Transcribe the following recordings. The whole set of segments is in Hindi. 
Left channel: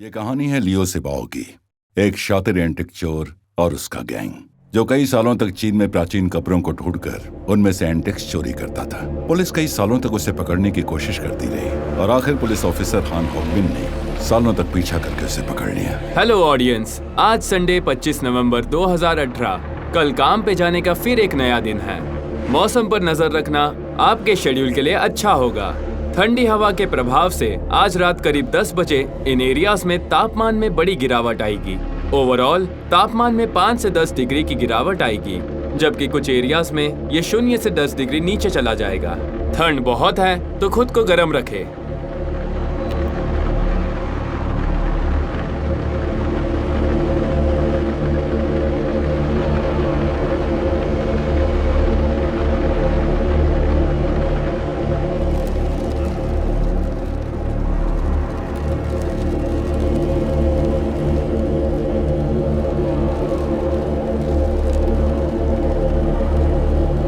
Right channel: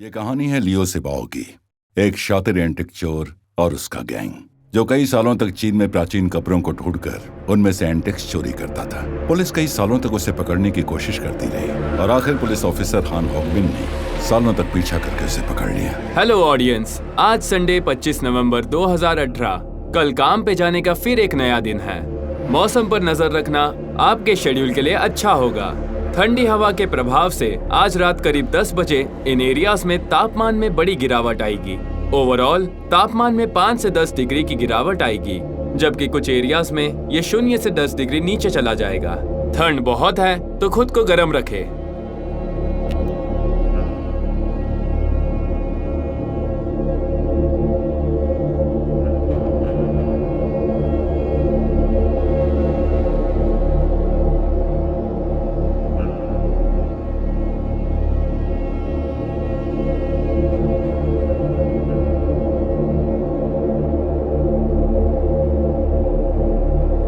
ये कहानी है लियो सिबाओ की, एक शातिर एंटिक चोर और उसका गैंग जो कई सालों तक चीन में प्राचीन कपड़ों को ढूंढकर उनमें से एंटिक्स चोरी करता था। पुलिस कई सालों तक उसे पकड़ने की कोशिश करती रही और आखिर पुलिस ऑफिसर हान हॉकबिन ने सालों तक पीछा करके उसे पकड़ लिया। हेलो ऑडियंस, आज संडे 25 नवंबर 2018 कल काम पे जाने का फिर एक नया दिन है। मौसम पर नजर रखना आपके शेड्यूल के लिए अच्छा होगा। ठंडी हवा के प्रभाव से आज रात करीब 10 बजे इन एरियाज में तापमान में बड़ी गिरावट आएगी। ओवरऑल तापमान में 5 से 10 डिग्री की गिरावट आएगी, जबकि कुछ एरियाज में ये 0 से 10 डिग्री नीचे चला जाएगा। ठंड बहुत है तो खुद को गर्म रखें।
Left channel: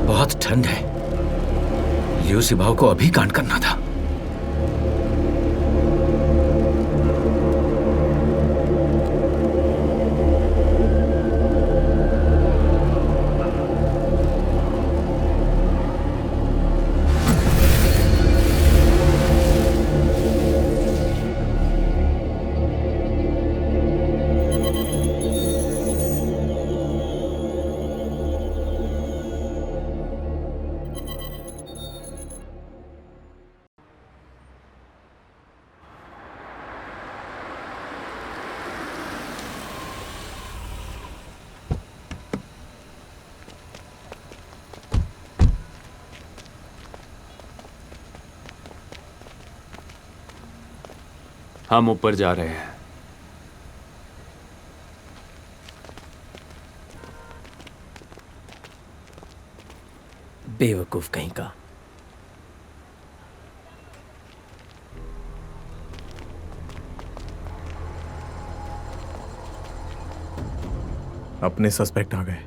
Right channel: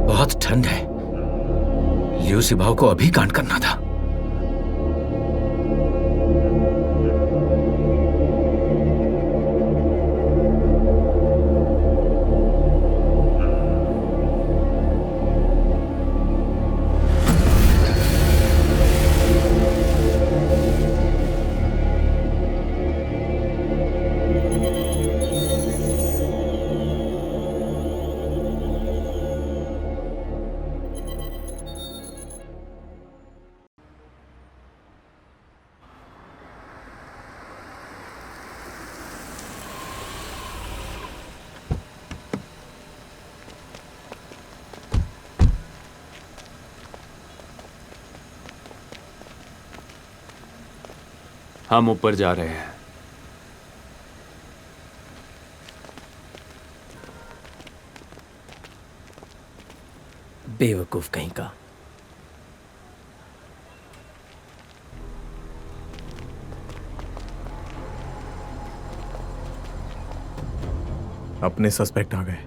बहुत ठंड है। लियो सिबाओ को अभी कांड करना था। हम ऊपर जा रहे हैं। बेवकूफ कहीं का। अपने सस्पेक्ट आ गए।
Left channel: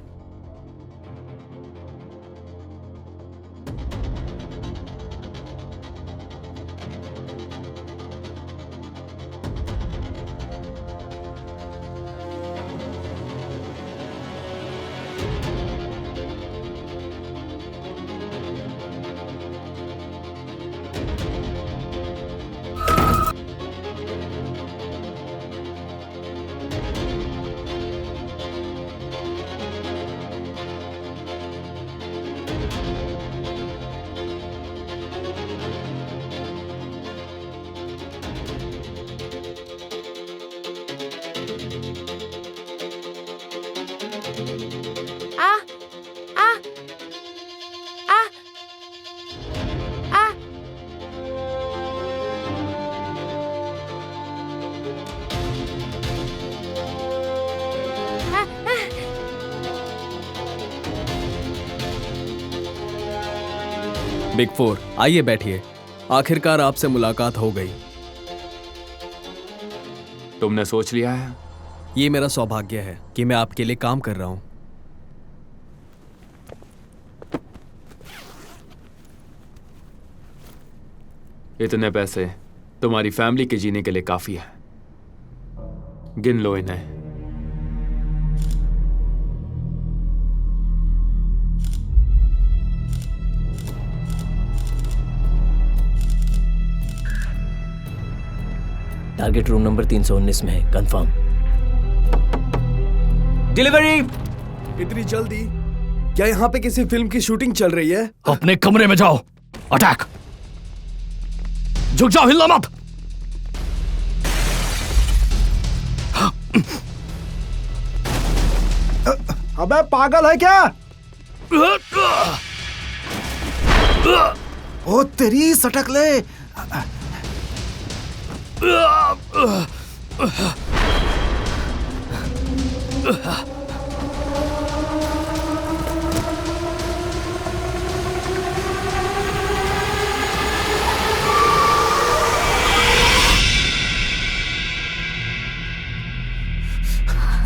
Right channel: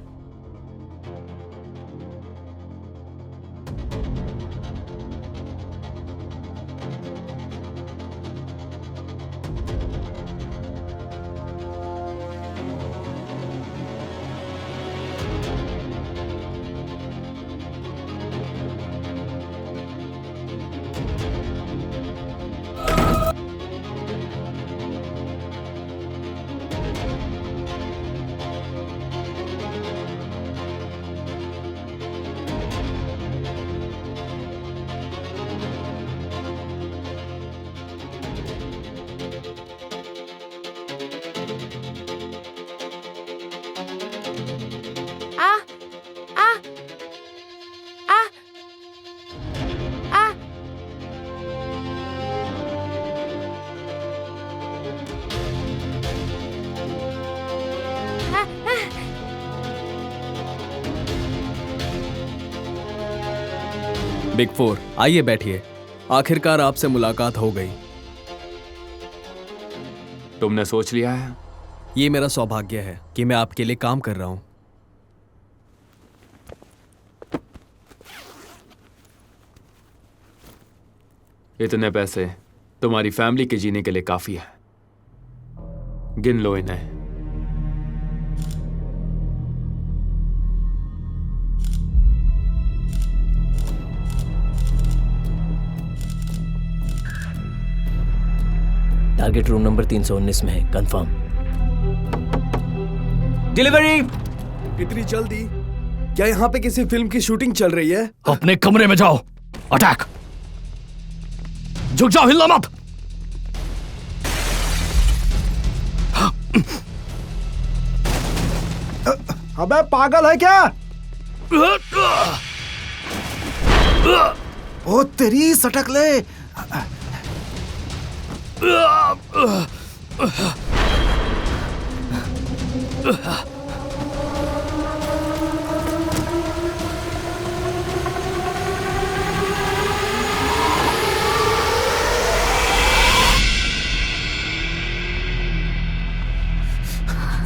बिग फोर, आइए बैठिए। आखिरकार आपसे मुलाकात हो गई। तुमने सोच लिया है? ये मेरा सौभाग्य है कि मैं आपके लिए काम कर रहा हूं। इतने पैसे तुम्हारी फैमिली के जीने के लिए काफी है। गिन लो इन्हें। टारगेट रूम नंबर 319 में है, कंफर्म। डिलीवरी। इतनी जल्दी? क्या यहाँ पे किसी फिल्म की शूटिंग चल रही है? अपने कमरे में जाओ। अटैक। झुक जाओ, हिलना मत। अबे पागल है क्या? ओ तेरी सटक ले।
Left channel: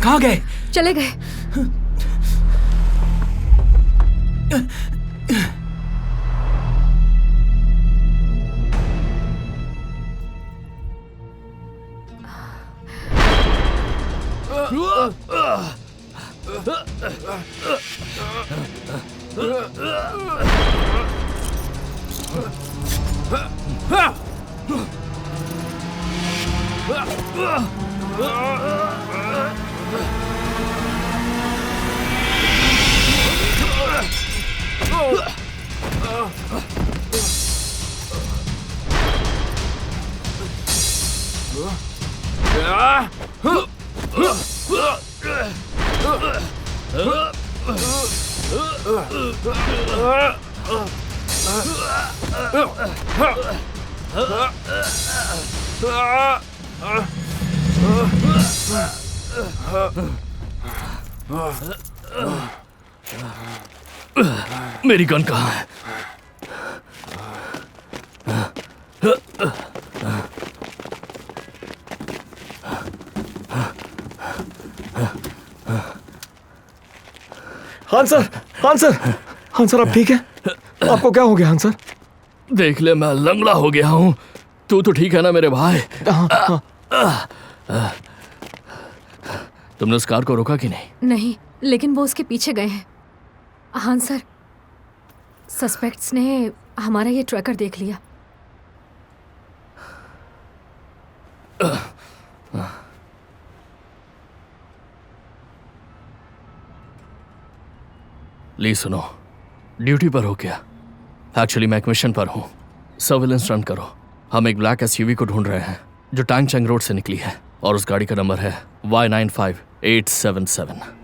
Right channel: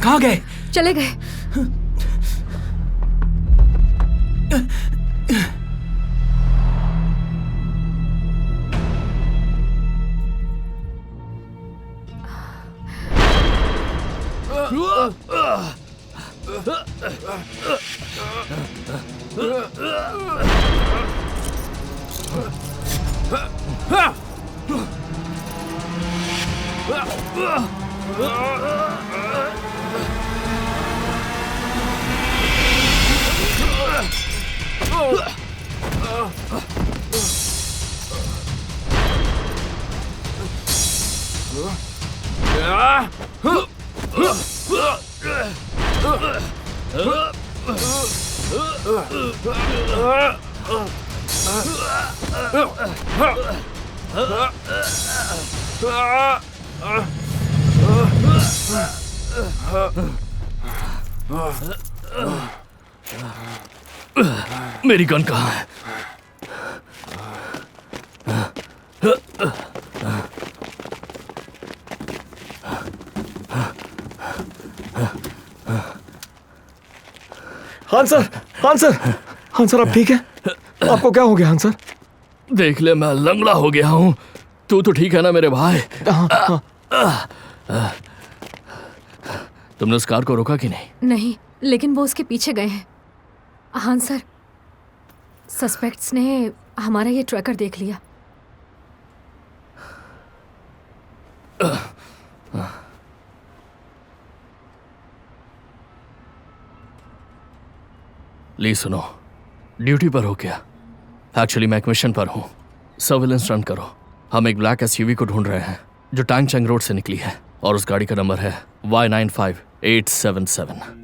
कहाँ गए? चले गए। मेरी गन कहाँ है? हान सर, हान सर, हान सर, आप ठीक है? आपको क्या हो गया हान सर? देख ले, मैं लंगड़ा हो गया हूँ। तू तो ठीक है ना मेरे भाई? तुमने उस कार को रोका कि नहीं? नहीं, लेकिन वो उसके पीछे गए हैं। हाँ सर, सस्पेक्ट्स ने हमारा ये ट्रैकर देख लिया। ली सुनो, ड्यूटी पर हो क्या? एक्चुअली मैं एक मिशन पर हूँ। सर्विलेंस रन करो। हम एक ब्लैक एसयूवी को ढूंढ रहे हैं जो टैंग चंग रोड से निकली है, और उस गाड़ी का नंबर है Y95877।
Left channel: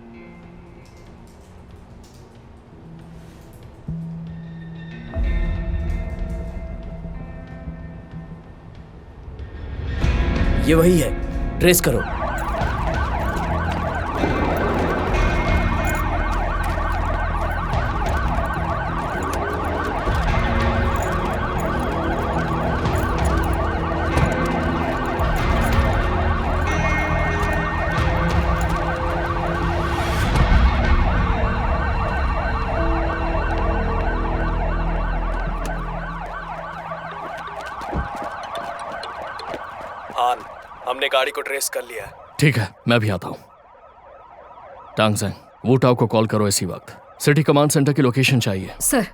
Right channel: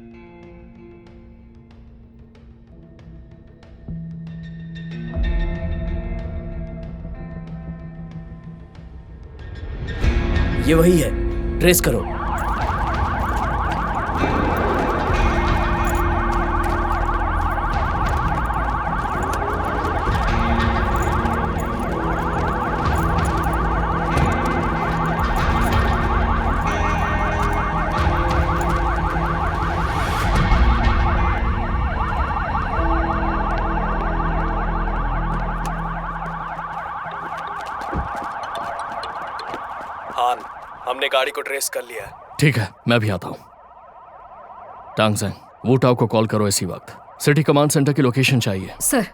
ये वही है, ट्रेस करो। हान, हमने गाड़ी को ट्रेस कर लिया है। ठीक है, मैं भी आता हूँ। टांगजेंग, वू टाओ को कॉल करो इसी वक्त। सिटी कमांड सेंटर की लोकेशन चाहिए। सर,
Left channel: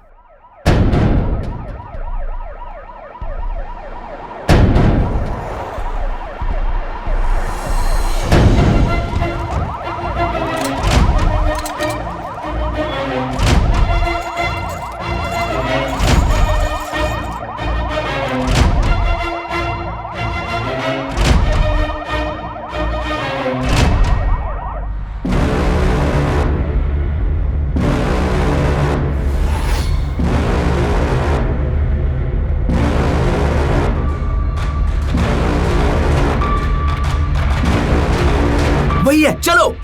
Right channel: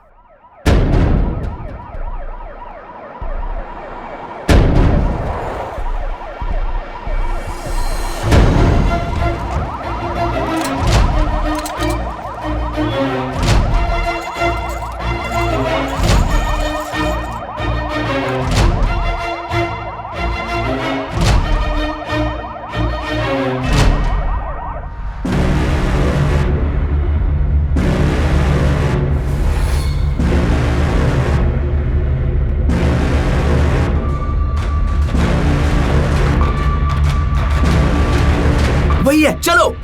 वही है, चलो।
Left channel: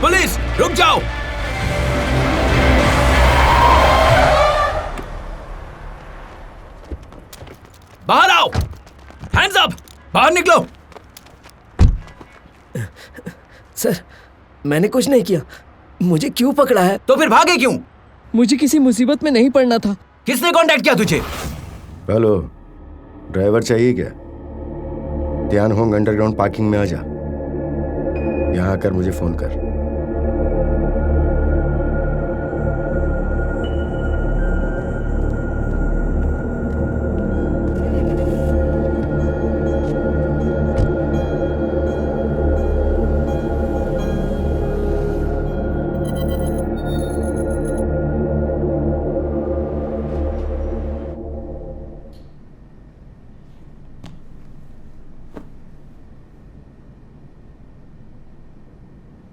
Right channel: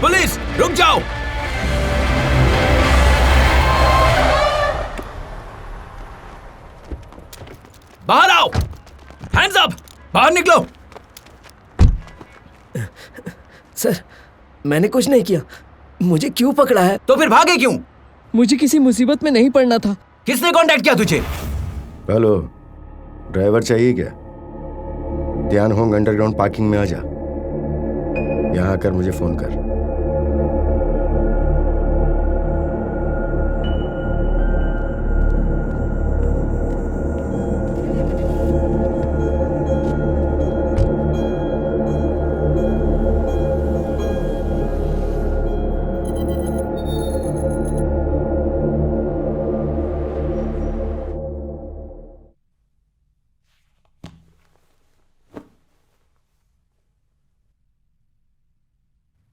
पुलिस, रुक जाओ। बाहर आओ। हैंड्स अप, बाहर निकलो। सर, मैंने कुछ नहीं किया। मुझे क्यों पकड़ा है? तो फिर भागे क्यों? मुझे किसी मुसीबत में नहीं पड़ना था। किसने कांटेक्ट किया तुझे? हेलो, ड्राइवर चाहिए क्या? ध्यान होंग अंडरग्राउंड पार्किंग में आ जा। यहाँ आकर मुझे फोन कर।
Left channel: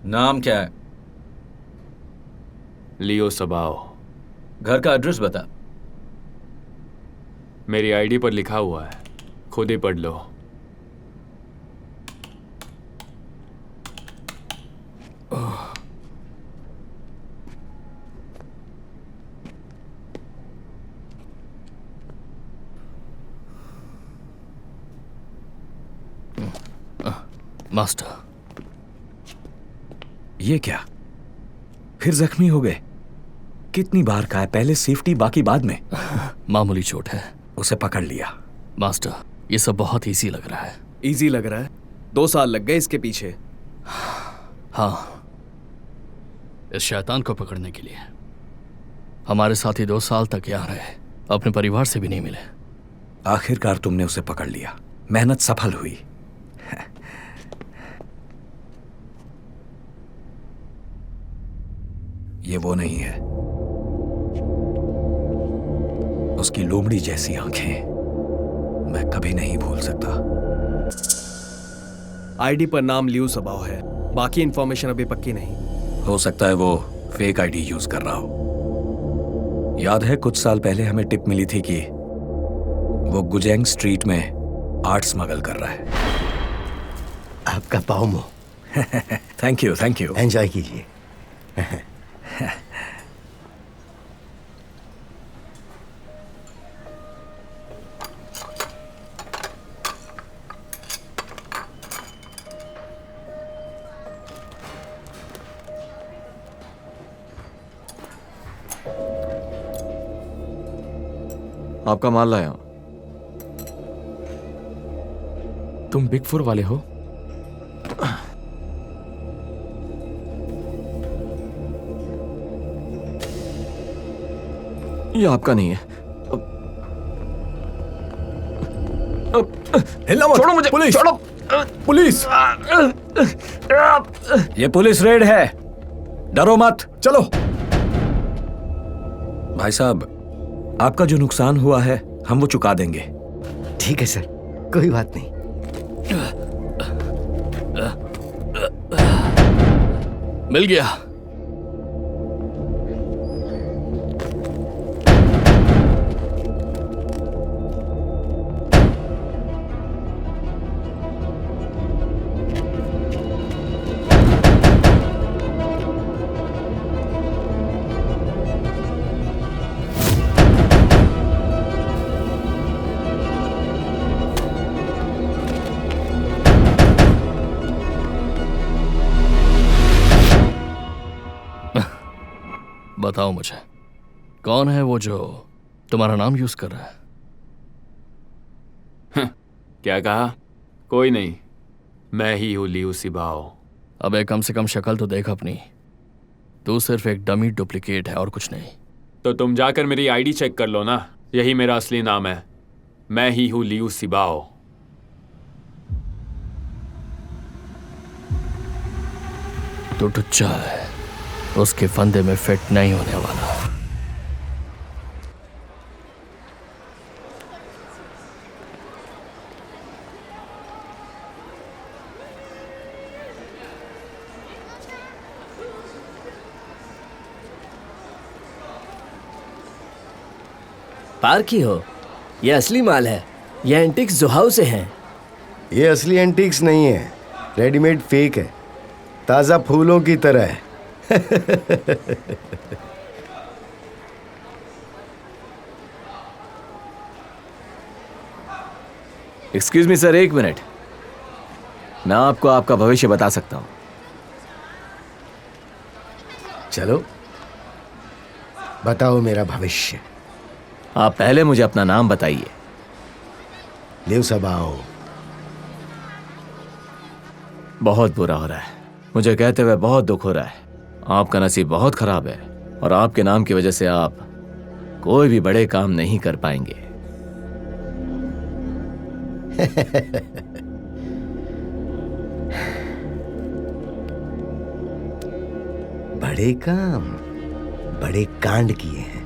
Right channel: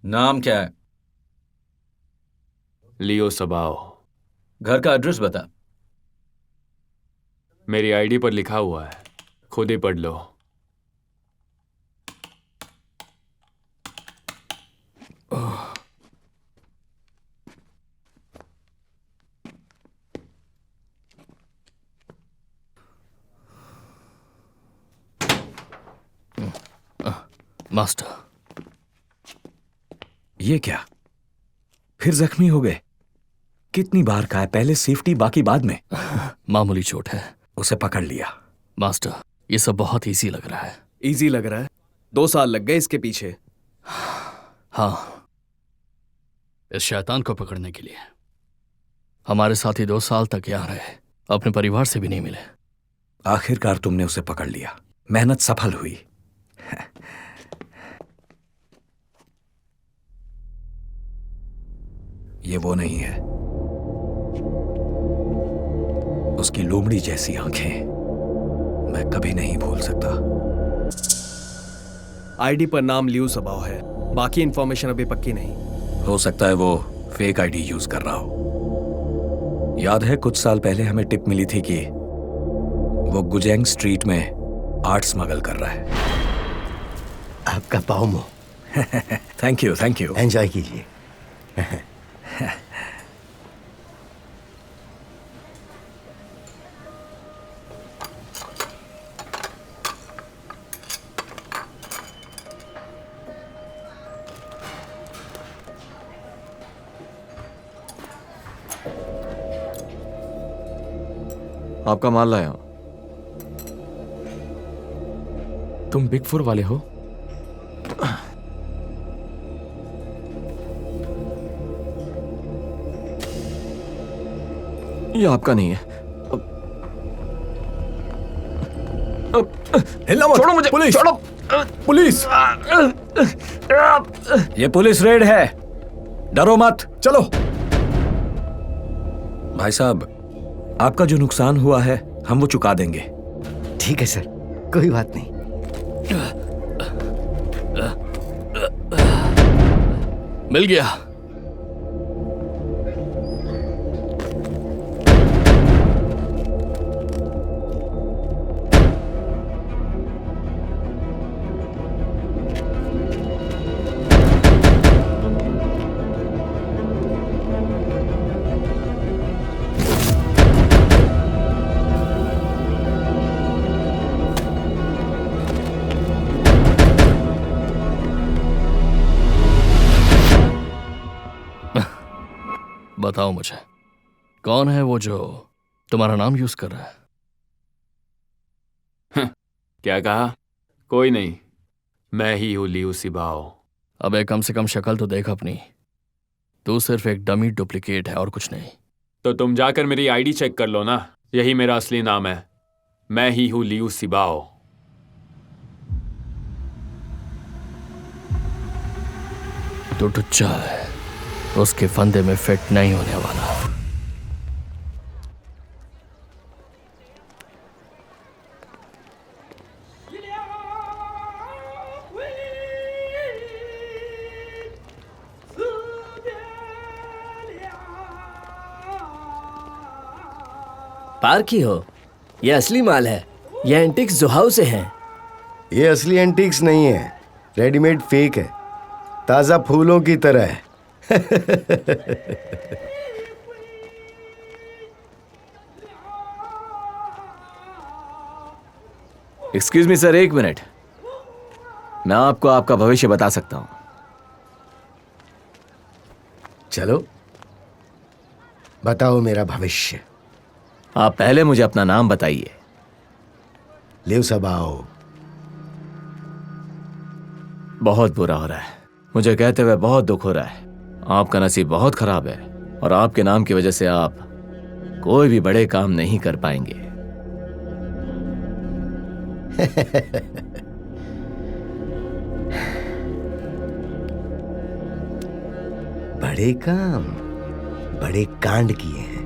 नाम क्या है? लियो सबाओ। घर का एड्रेस बता। मेरी आईडी पर लिखा हुआ है। खुद ही पढ़ लो। मास्टर, ये क्या? फिर जख्मी हो गए? कितनी बार का है? पहले सेफ्टी, बाकी बाद में। मामूली चोट है। उसे पकड़ लिया। मास्टर, ये सब बहुत इजी लग रहा है। इजी लग रहा है? 2 साल लग गए इसके पीछे। हाँ, इस शैतान को पकड़ने के लिए। हमारे साथी 2 साल तक यहाँ रहे, अपने परिवार से भी नहीं मिले। आखिरकार तुमने उसे पकड़ लिया। मेहनत सफल हुई। ये वो नहीं है। उसकी लोमड़ी जैसी आंखें मैं कभी नहीं भूल सकता। आईडी पर नाम लियू सबाओ है, बाकी इंफॉर्मेशन अभी पक्की नहीं। हो सकता है वो फेक आईडी यूज कर रहा हो। याद है कुछ साल पहले हमें टिप मिली थी कि वो गुजेंग स्ट्रीट में आर्ट स्मगल कर रहा है। आपका पाव मो। Thank you, thank you. Enjoy कीजिए। आपका माल लाया। तुम बिग 4 वाले हो? ये आपका नहीं है। हिलना मत। छोड़ो मुझे। पुलिस! छोड़ो। पुलिस! ये पुलिस रेड है, डरो मत। चलो। भाई साहब, आपका जो नुकसान हुआ है हम वो चुका देंगे। ठीक है सर, कोई बात नहीं। मिल गया। बताओ मुझे, कौन है वो जो तुम्हारा नाम यूज कर रहा है? क्या कहा? कोई नहीं, मैं ही हूं लियू सिबाओ। अबे कम से कम शक्ल तो देख अपनी। तू सिर्फ एक डमी डुप्लीकेट है और कुछ नहीं। तो तुम जाकर मेरी आईडी चेक कर लो ना, यही मेरा असली नाम है। मैं ही हूं लियू सिबाओ। तो टुच्चा है, उसके फंदे में फिट नहीं होने वाला। पार्क ही हो? ये असली माल है, ये एंटिक्स जोहाऊ से हैं। ये असली एंटीक्स नहीं है, रेडीमेड फेक है, ताजा फूलों की तरह है। Excuse me sir, 1 minute. मैं आपको आपका भविष्य बता सकता हूं। चलो बताओ मेरा भविष्य। आप पहले मुझे अपना नाम बताइए। लियू सिबाओ। बहुत बुरा हो रहा है, मुझे कहते हुए बहुत दुख हो रहा है। आपका नसीब बहुत खराब है और आपके नाम की वजह से आप कोई भी बड़े काम नहीं कर पाएंगे। बड़े काम, बड़े कांड किए हैं,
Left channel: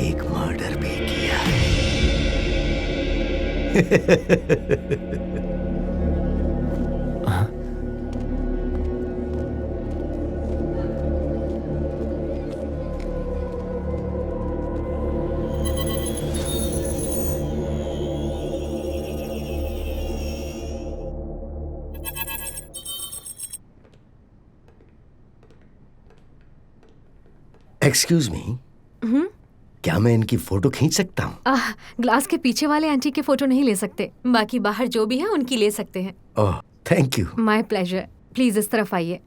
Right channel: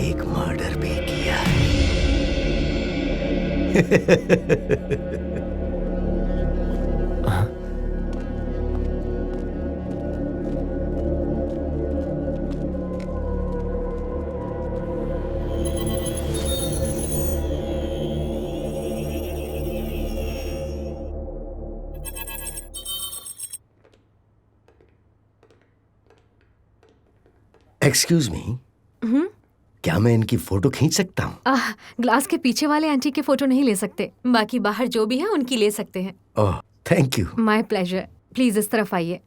एक मर्डर भी किया है। एक्सक्यूज मी, क्या मैं इनकी फोटो खींच सकता हूँ? ग्लास के पीछे वाले आंटी के फोटो नहीं ले सकते, बाकी बाहर जो भी है उनकी ले सकते हैं। Oh, thank you. My pleasure. Please इस तरफ आइए।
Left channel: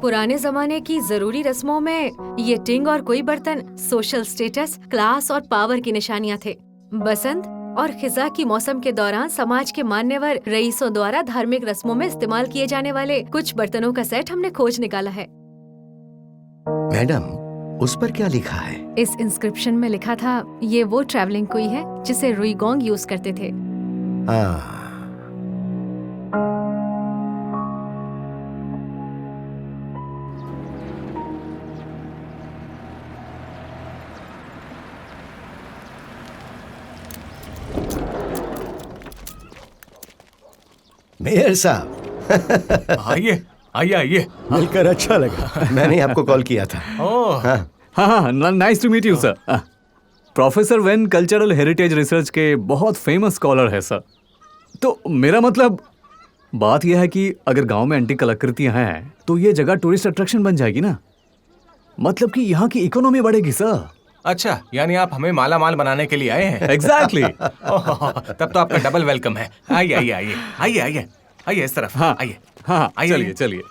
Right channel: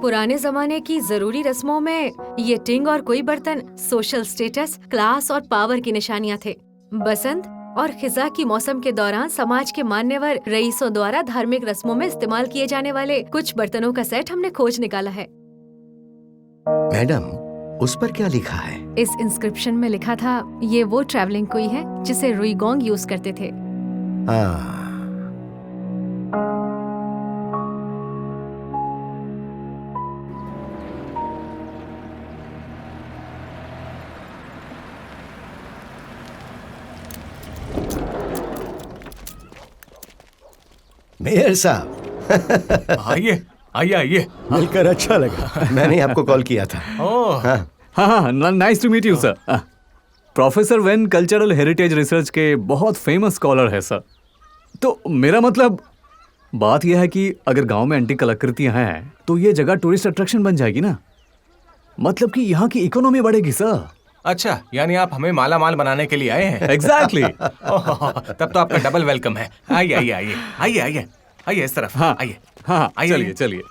पुराने जमाने की जरूरी रस्मों में ये टिंग और कोई बर्तन सोशल स्टेटस, क्लास और पावर की निशानियां थे। बसंत और खिजा की मौसम के दौरान समाज के मान्यवर रईसों द्वारा धार्मिक रस्मों में इस्तेमाल किए जाने वाले कुछ बर्तनों का सेट हमने खोज निकाला है। मैडम, उस पर क्या लिखा है? इस इंस्क्रिप्शन में लिखा था, ये वो ट्रैवलिंग कुई है जिसे रुईगोंग यूज करते थे। हाँ, मेयर साहब। आइए आइए आइए। मिलकर अच्छा लगा। मैंने आपको कॉल किया था। ओह हाँ, हाँ, nice to meet you sir. Professor वेन कल्चरल हेरिटेज रिसर्च के बहुत फेमस स्कॉलर है सर। तो मेरा मतलब बात यह है कि अगर गांव में एंटीक कलाकृतियां हैं तो ये जगह टूरिस्ट अट्रैक्शन बन जाएगी ना, मतलब कि यहाँ की इकोनॉमी बढ़ेगी सर। अच्छा, यानी आप हमें माला माल बनाने के लिए आए हैं? एग्जैक्टली। तब तो आपका डबल वेलकम है। आइए आइए आइए आइए आइए आइए इस तरफ। हाँ आइए हाँ, आइए, चलिए आइए। चलिए।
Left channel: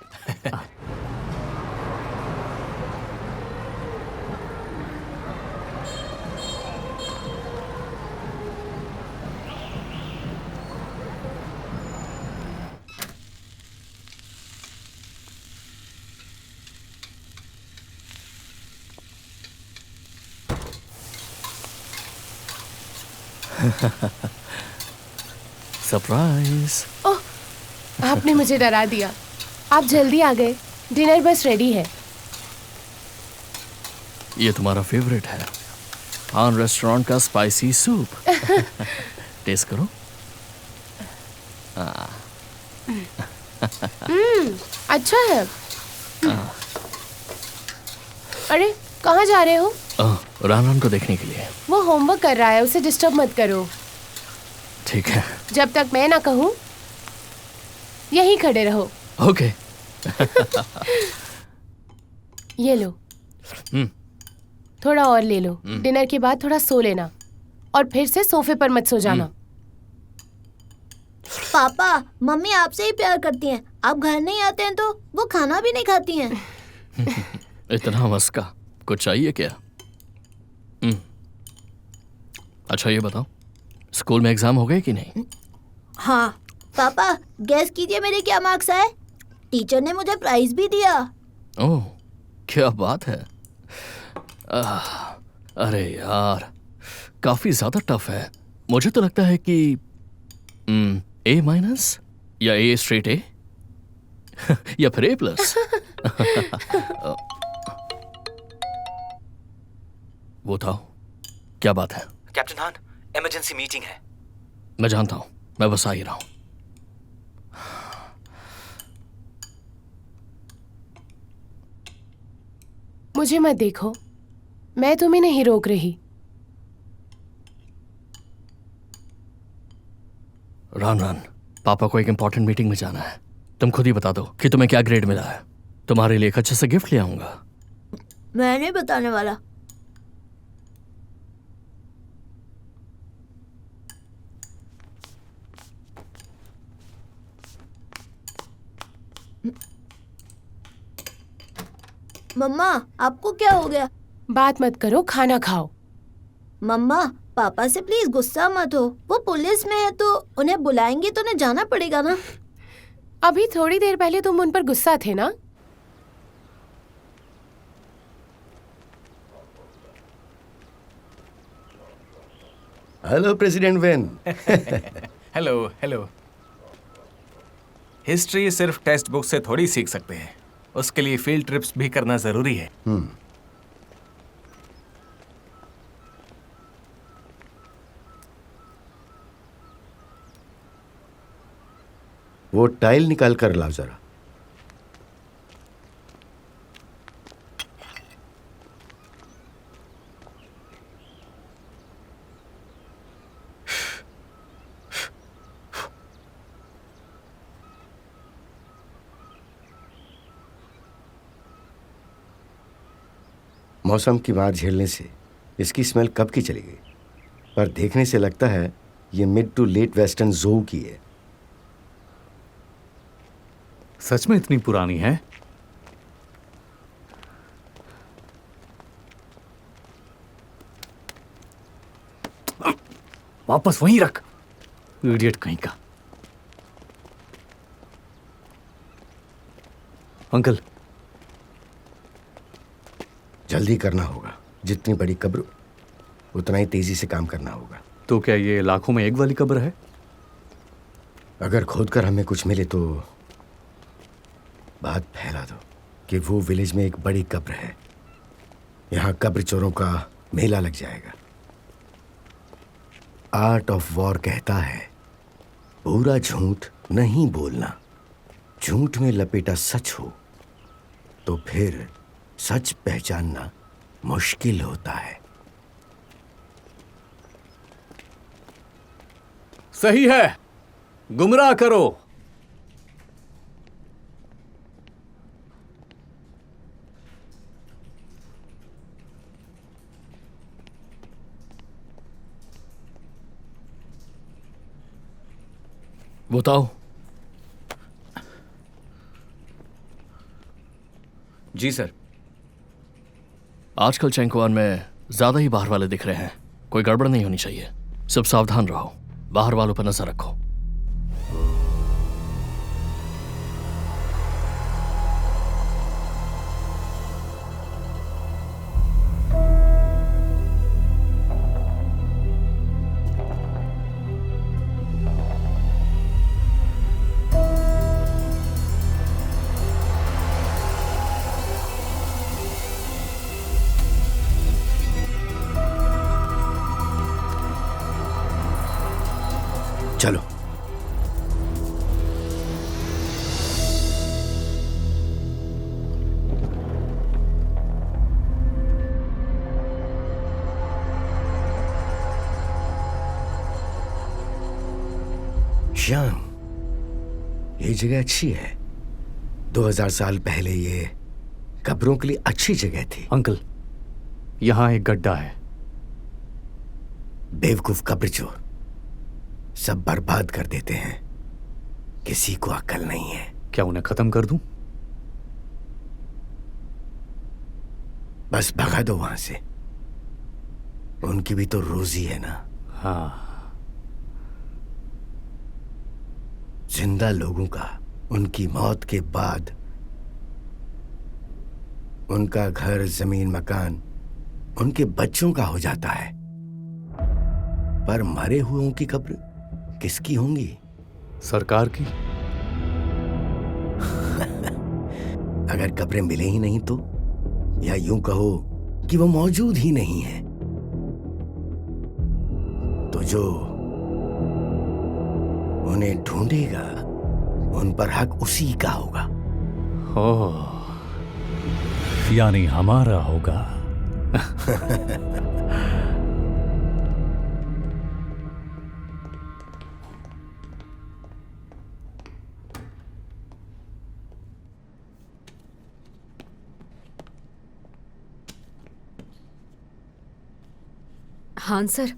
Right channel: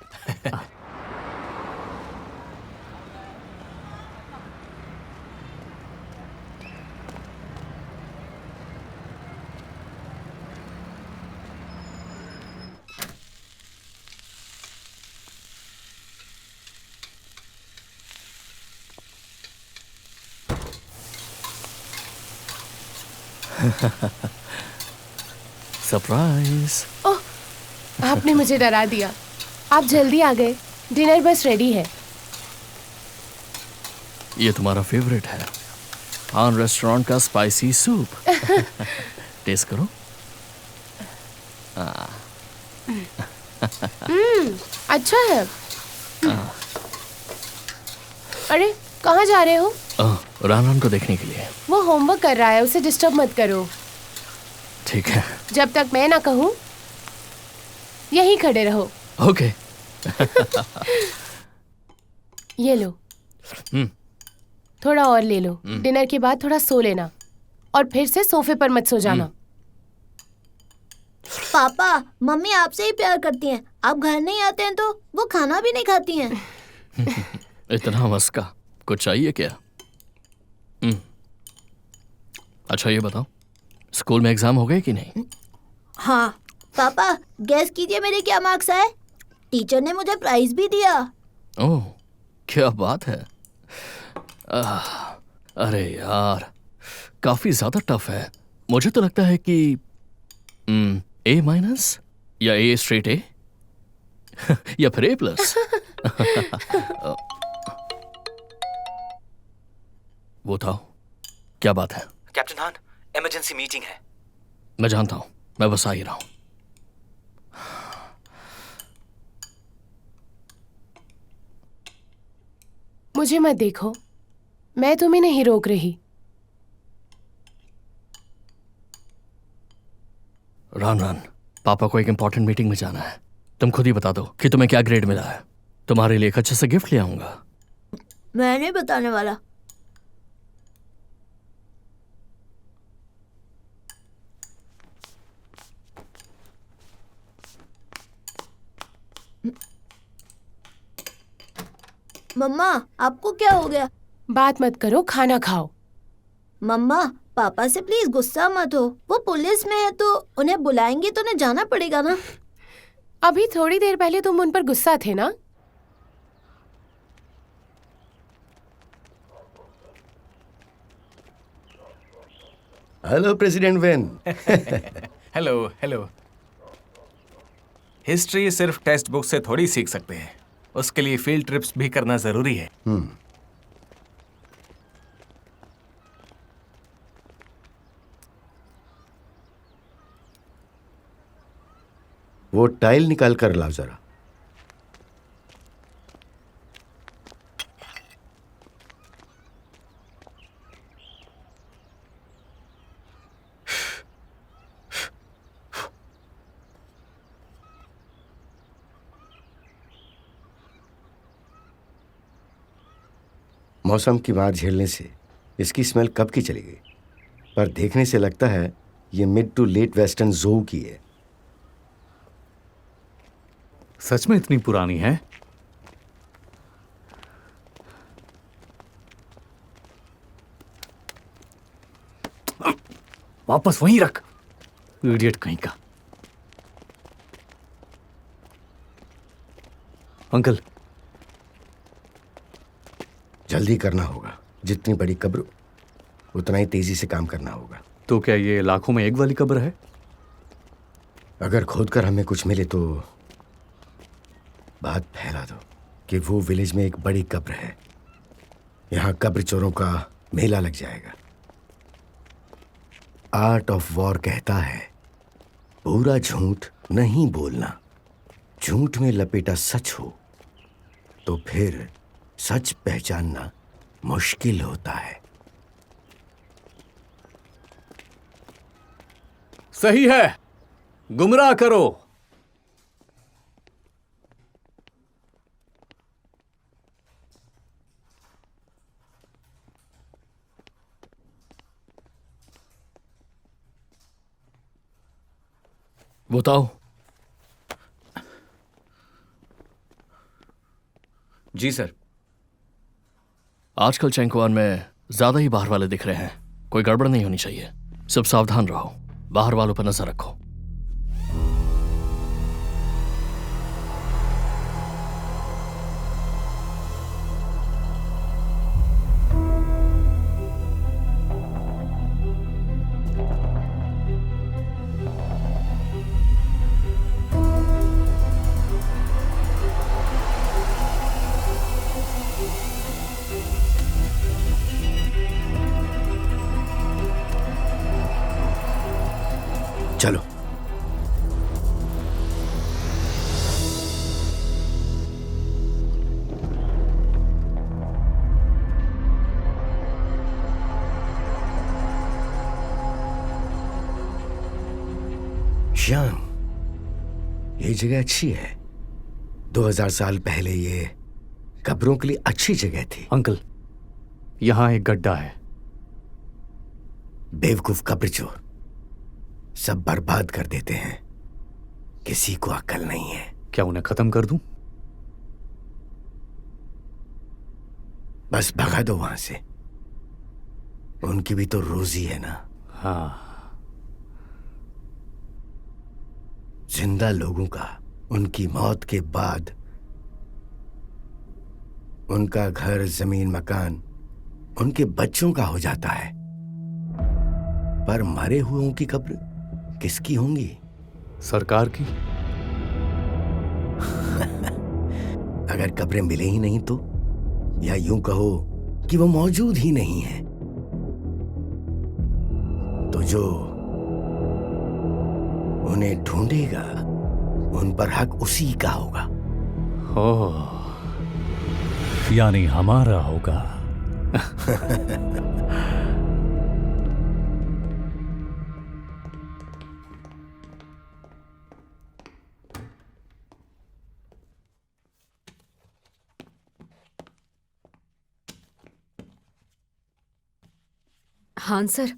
सरप्राइज। ओह, आपने मुझे डरा दिया। आप जल्दी आ गए। डिनर बस रेडी है। ये तुम्हारा फेवरेट है, हान रेस्टोरेंट का स्पाइसी सूप। टेस्ट करो। अच्छा है। अरे, कहाँ जा रहे हो? रान को देखने के लिए। वो होमवर्क कर रहा है, उसे डिस्टर्ब मत करो। ठीक है। जब तक मैं ना कहूँ यहीं खड़े रहो। ओके। ये लो। थोड़ा और ले लो। डिनर के बाद थोड़ा सो लेना और फिर से सोफे पर मत सो जाना। पापा, मम्मी आपसे ही प्यार करती हैं। आप घर नहीं आते हैं तो वो खाना भी नहीं खाती हैं। इतना मस्का, कुछ चाहिए क्या? अच्छा ये बताओ, स्कूल में एग्जाम हो गए कि नहीं? हाँ पापा, गेस कीजिए मेरे क्या मार्क्स आए। टीचर ने मुझे प्राइज भी दिया। ओह, क्या बात है। अरे यार, काफी ज्यादा टफ है। मुझे तो लगता है कि A- या A स्ट्रेट A या फिर A+। वो था, क्या बात है? कैप्टन हान, इमरजेंसी मीटिंग है। मैं जानता हूं, मैं बस आ ही रहा हूं। मुझे मत देखो, मैं तुम्हें नहीं रोक रही। रान, पापा को एक इंपॉर्टेंट मीटिंग में जाना है। तुम खुद ही बता दो कि तुम्हें क्या ग्रेड मिला है। तुम्हारे लिए एक अच्छे से गिफ्ट ले आऊंगा। मैं नहीं बताने वाला। मम्मा, आपको क्या हो गया? बात मत करो, खाना खाओ। मम्मा, पापा से प्लीज गुस्सा मत हो। वो पुलिस में है तो उन्हें बुलाएंगे तो उन्हें जाना पड़ेगा ना। अभी थोड़ी देर पहले तुम उन पर गुस्सा थे ना। Hello president when. Hello hello. History सिर्फ टेक्स्ट बुक से थोड़ी सीख सकते हैं, उसके लिए फील्ड ट्रिप्स भी करना जरूरी है। वो टाइल निकाल कर लाओ जरा। मौसम की मार झेलने से इसकी स्मेल कब की चली गई, पर देखने से लगता है ये मिड टू लेट वेस्टर्न ज़ो की है। सच में इतनी पुरानी है? वापस वहीं रख, इडियट कहीं का। अंकल, जल्दी करना होगा। जितनी बड़ी कब्र उतना ही तेजी से काम करना होगा। तो क्या ये लाखों में एक वाली कब्र है? अगर खोदकर हमें कुछ मिले तो बात फैला दो कि वो विलेज में एक बड़ी कब्र है। यहाँ कब्र चोरों का मेला लग जाएगा। आर्ट ऑफ वॉर कहता है पूरा झूठ नहीं बोलना। झूठ में लपेटा सच हो तो फिर सच पहचानना मुश्किल होता है। सही है, गुमराह करो। बताओ। जी सर। आजकल चैंकवान में ज्यादा ही बाहर वाले दिख रहे हैं। कोई गड़बड़ नहीं होनी चाहिए। सब सावधान रहो, बाहर वालों पर नजर रखो। चलो। श्याम, ये जगह अच्छी है। 2000 साल पहले ये कब्रों के लिए अच्छी जगह थी। अंकल, यहां एक गड्ढा है। बेवकूफ कब्र चोर सब बर्बाद कर देते हैं। किसी को अक्ल नहीं है। क्या उन्हें खत्म कर दूं? बस भगा दो वहां से। उनकी भी तो रोजी है ना। हाँ। जिंदा लोगों का उनकी मौत के बाद उनका घर, जमीन, मकान उनके बच्चों का हो जाता है, पर मरे हुओं की कब्र किसकी होंगी? सरकार की। अगर कब्रें मिले ही नहीं तो, या यूं कहो कि वो मौजूद ही नहीं है, तो जो उन्हें ढूंढेगा उन पर हक उसी का होगा। यानी हमारा होगा। हाँ सर,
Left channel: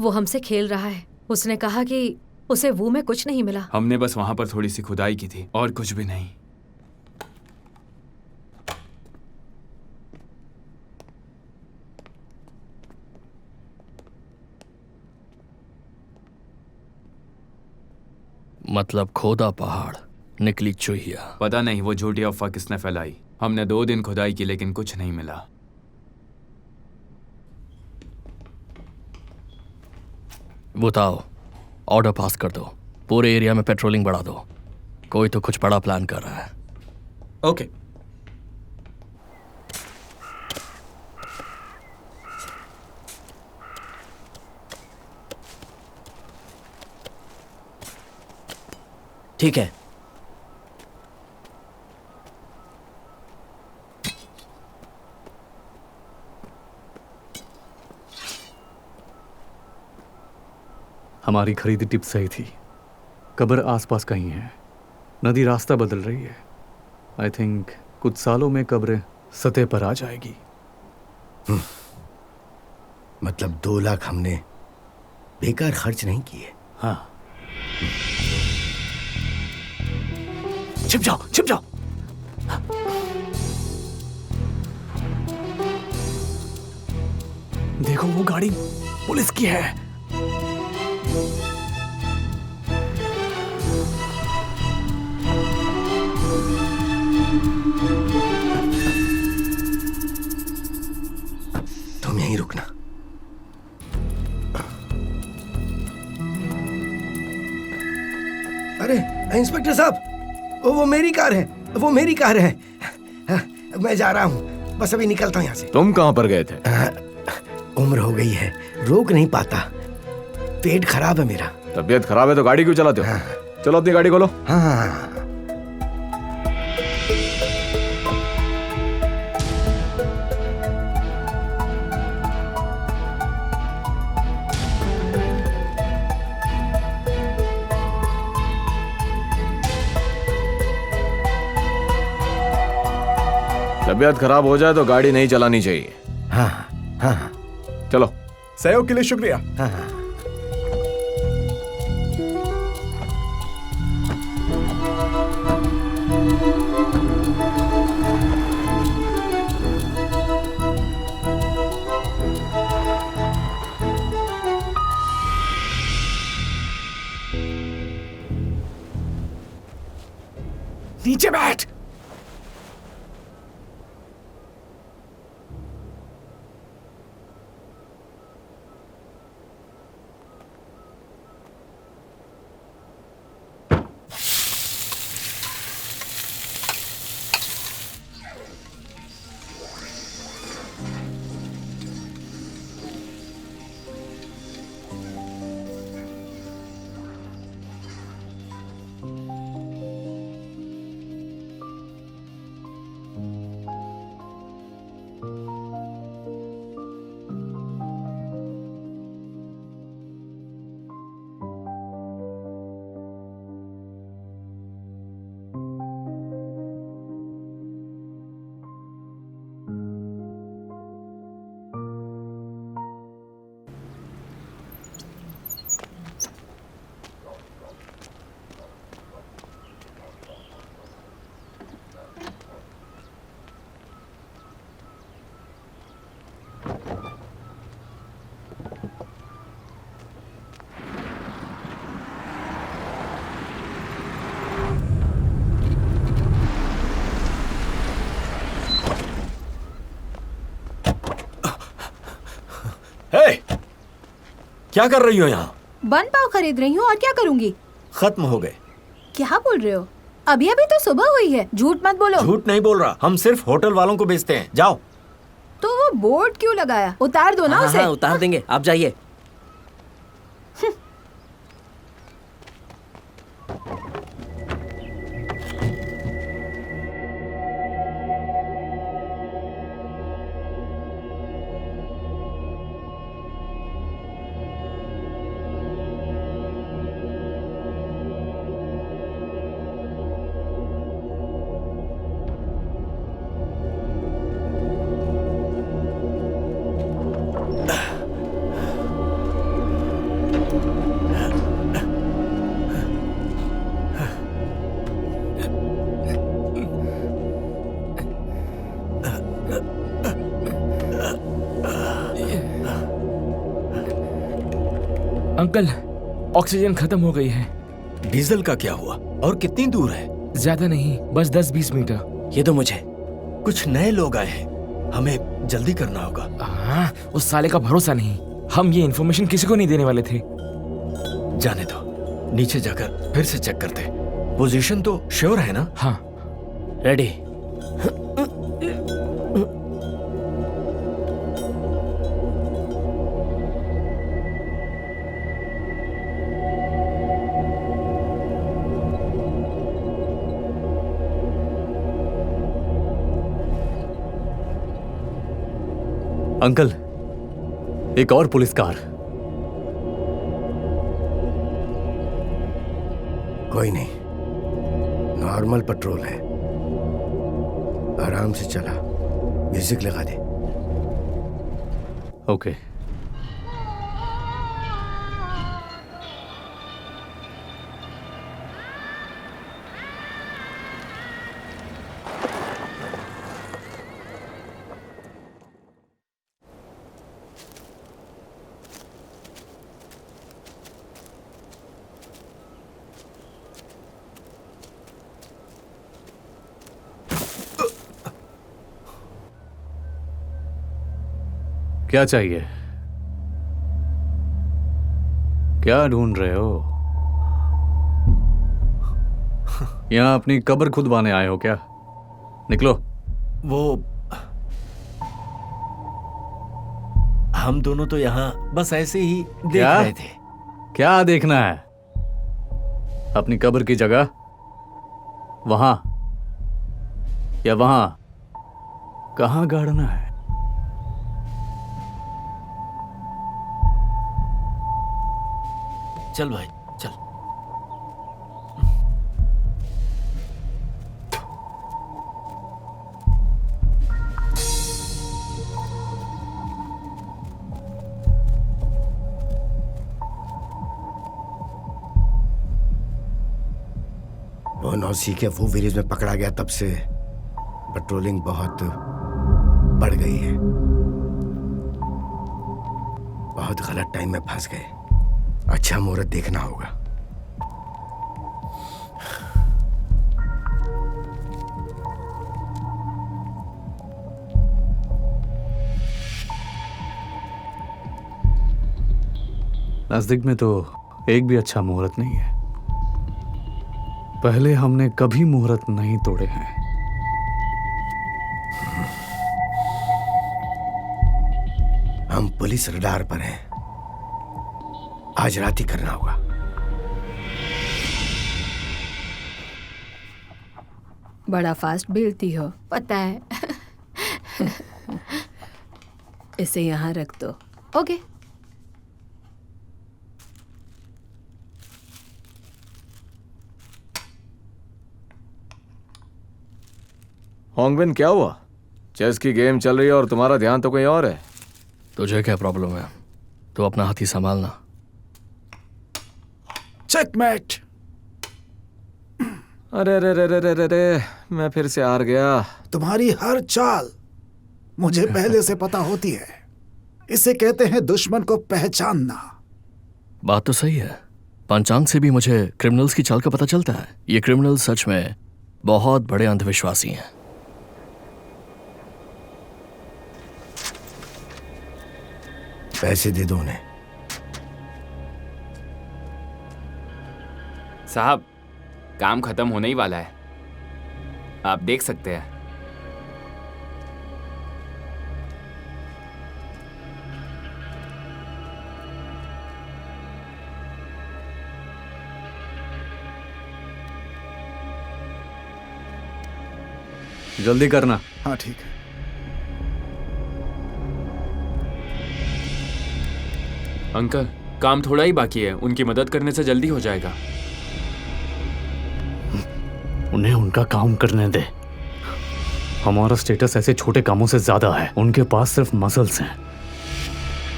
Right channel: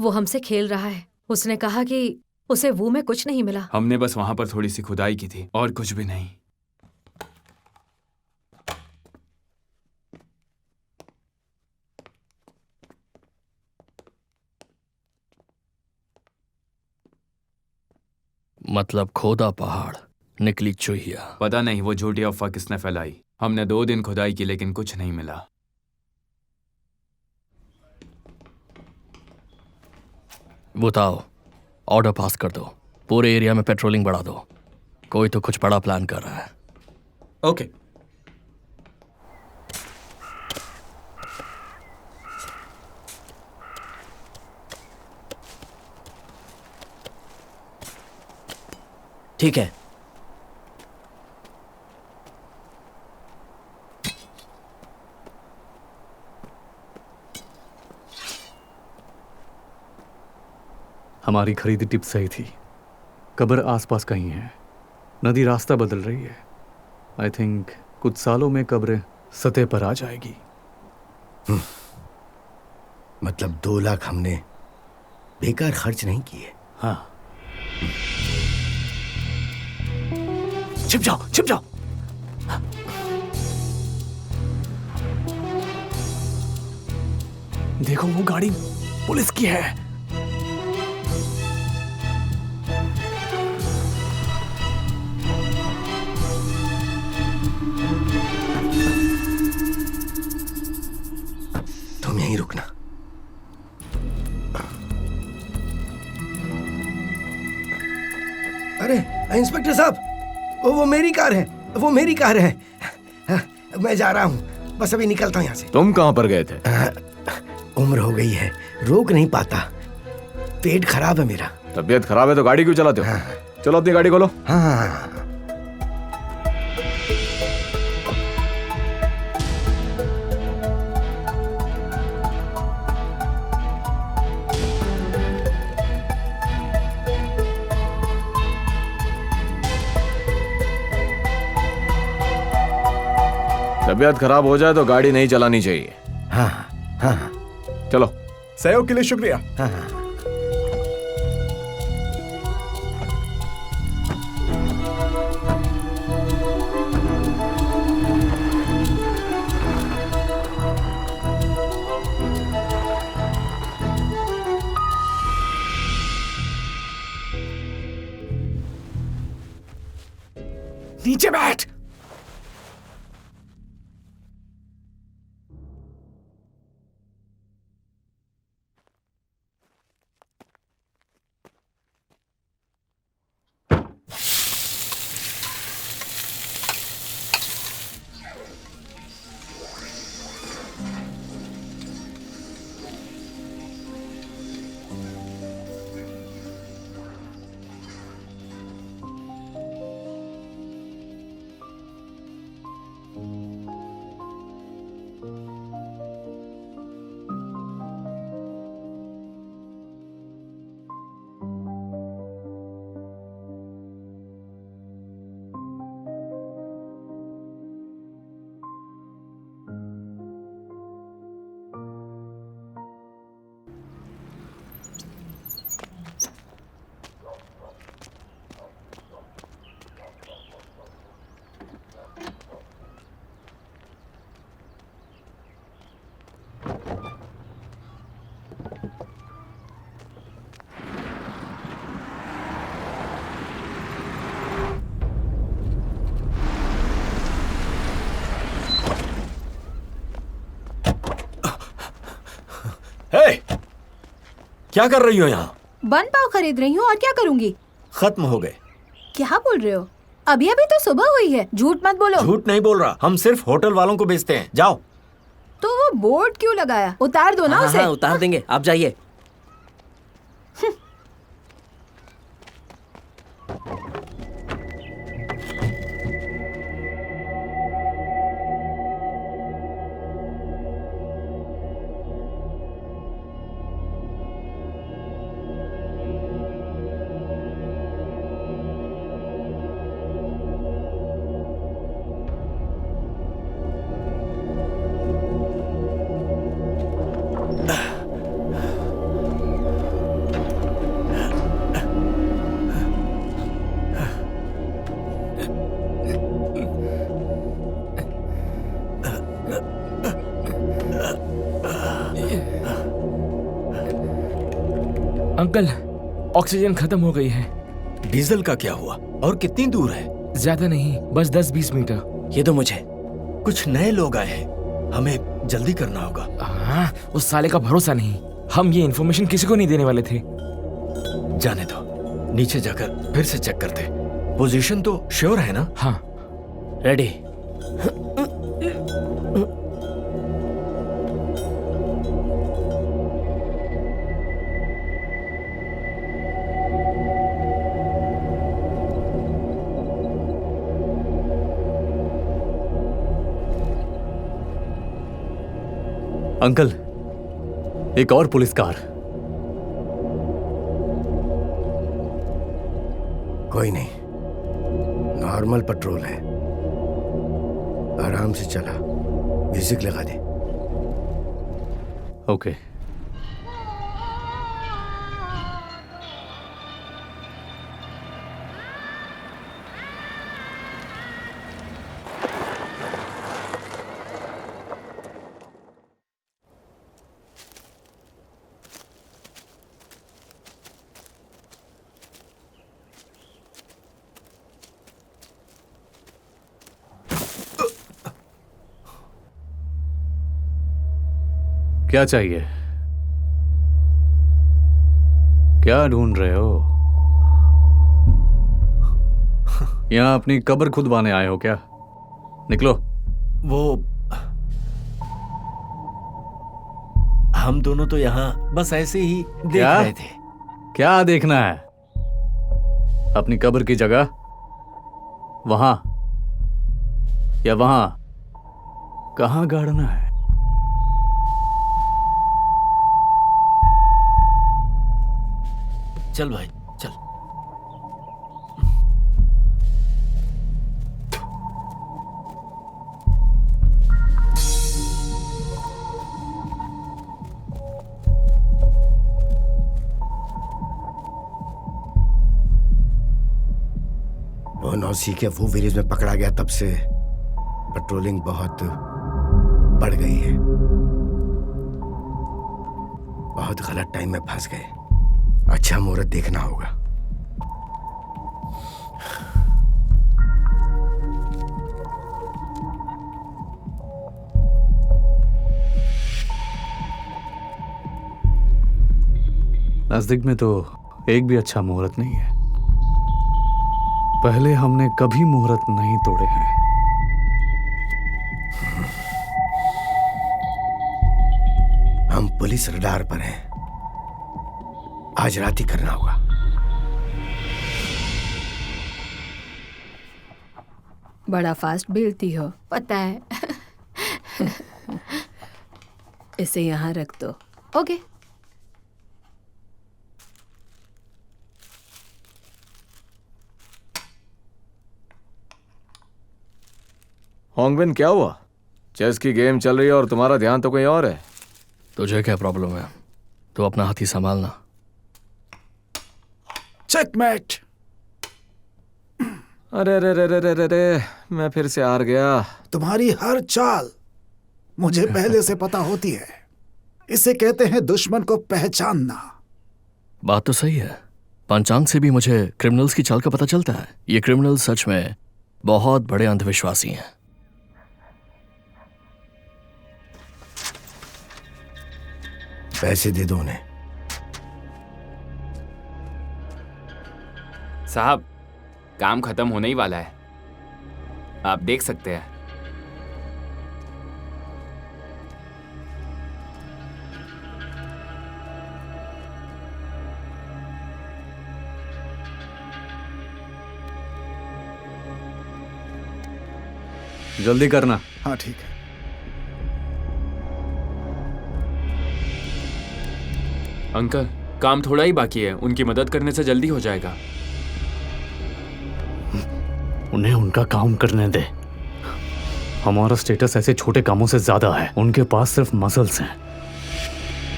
वो हमसे खेल रहा है। उसने कहा कि उसे वो में कुछ नहीं मिला। हमने बस वहां पर थोड़ी सी खुदाई की थी और कुछ भी नहीं। मतलब खोदा पहाड़, निकली चूहिया। पता नहीं वो झूठी अफवाह किसने फैलाई। हमने 2 दिन खुदाई की लेकिन कुछ नहीं मिला। बताओ, ऑर्डर पास कर दो। पूरे एरिया में पेट्रोलिंग बढ़ा दो। कोई तो कुछ बड़ा प्लान कर रहा है। ओके। ठीक है। हमारी खरीदी टिप सही थी। कब्र आसपास कहीं है। नदी रास्ता बदल रही है। आई थिंक कुछ सालों में कब्र सतह पर आ जाएगी। मतलब 2 लाख हमने बेकार खर्च नहीं किए। हाँ। छिप जाओ, छिप जाओ। देखो वो गाड़ी पुलिस की है। तुम यहीं रुकना। अरे इंस्पेक्टर साहब, वो मेरी कार है, वो मेरी कार है। मैं जा रहा हूँ, बस अभी निकलता हूँ यहाँ से। तुम कहाँ पर गए थे? उम्र हो गई है, रोक नहीं पाता। पेट खराब है मेरा। तबीयत खराब है तो गाड़ी क्यों चलाते हो? चलो अपनी गाड़ी खोलो। हाँ। तबीयत खराब हो जाए तो गाड़ी नहीं चलानी चाहिए। हाँ हाँ। चलो। सहयोग के लिए शुक्रिया। हाँ। नीचे बैठ। क्या कर रही हो यहाँ? बन पाव खरीद रही हूँ और क्या करूँगी? खत्म हो गए। क्या बोल रहे हो? अभी अभी तो सुबह हुई है, झूठ मत बोलो। झूठ नहीं बोल रहा, हम सिर्फ होटल वालों को बेचते हैं। जाओ। तो वो बोर्ड क्यों लगाया? उतार दो ना उसे। हाँ, उतार देंगे, आप जाइए। अंकल, ऑक्सीजन खत्म हो गई है। डीजल का क्या हुआ और कितनी दूर है? ज्यादा नहीं, बस 10-20 मीटर। ये दो मुझे। कुछ नए लोग आए हैं, हमें जल्दी करना होगा। हाँ, उस साले का भरोसा नहीं। हम ये इन्फॉर्मेशन किसी को नहीं देने वाले थे। जाने दो, नीचे जाकर फिर से चेक करते। पोजीशन तो श्योर है ना? हाँ। रेडी। अंकल, एक और पुलिस कार। कोई नहीं, नॉर्मल पेट्रोल है। आराम से चला, म्यूजिक लगा दे। ओके। क्या चाहिए? क्या ढूंढ रहे हो? यहां अपनी कब्र खुदवाने आए हो क्या? निकलो। वो हम दोनों तो यहाँ बस ऐसे ही देख क्या? रहे थे। क्या देखना है? अपनी कब्र की जगह वहां या वहां? कहां गाड़ना है? चल भाई चल। वो नौसी के वो विलेज में पकड़ा गया, तब से पेट्रोलिंग बहुत बढ़ गई है। बहुत गलत टाइम में फंस गए। अच्छा मुहूर्त देखना होगा। नजदीक में तो एक भी अच्छा मुहूर्त नहीं है। पहले हमने कभी मुहूर्त नहीं तोड़े हैं। हम पुलिस रडार पर हैं। आज रात ही करना होगा। बड़ा फास्ट बेलती हो। पता है। इसे यहाँ रख दो। ओके। होंगबिन, क्या हुआ? चेस की गेम चल रही है और तुम्हारा ध्यान तो कहीं और है। तुझे क्या प्रॉब्लम है? तो अपना हाथी संभालना। चेकमेट। अरे अरे अरे अरे अरे अरे, मैं फिर से हार गया। तुम्हारी हर चाल मुझे पहले से पता होती है। इसे कहते हैं दुश्मन को पहचानना। बात तो सही है। पंचांग से भी मुझे क्रिमिनल्स की चाल का पता चलता है। ये क्रिमिनल्स सच में बहुत बड़े अंधविश्वासी हैं। पैसे दे दो उन्हें। साहब, काम खत्म होने ही वाला है, आप देख सकते हैं। जल्दी करना। हाँ ठीक है। अंकल, काम थोड़ा ही बाकी है, उनकी मदद करने से जल्दी हो जाएगा। उन्हें उनका काम करने दे। हमारा स्टेटस ऐसे छोटे कामों से ज्यादा है। उनके पास सिर्फ मसल्स हैं,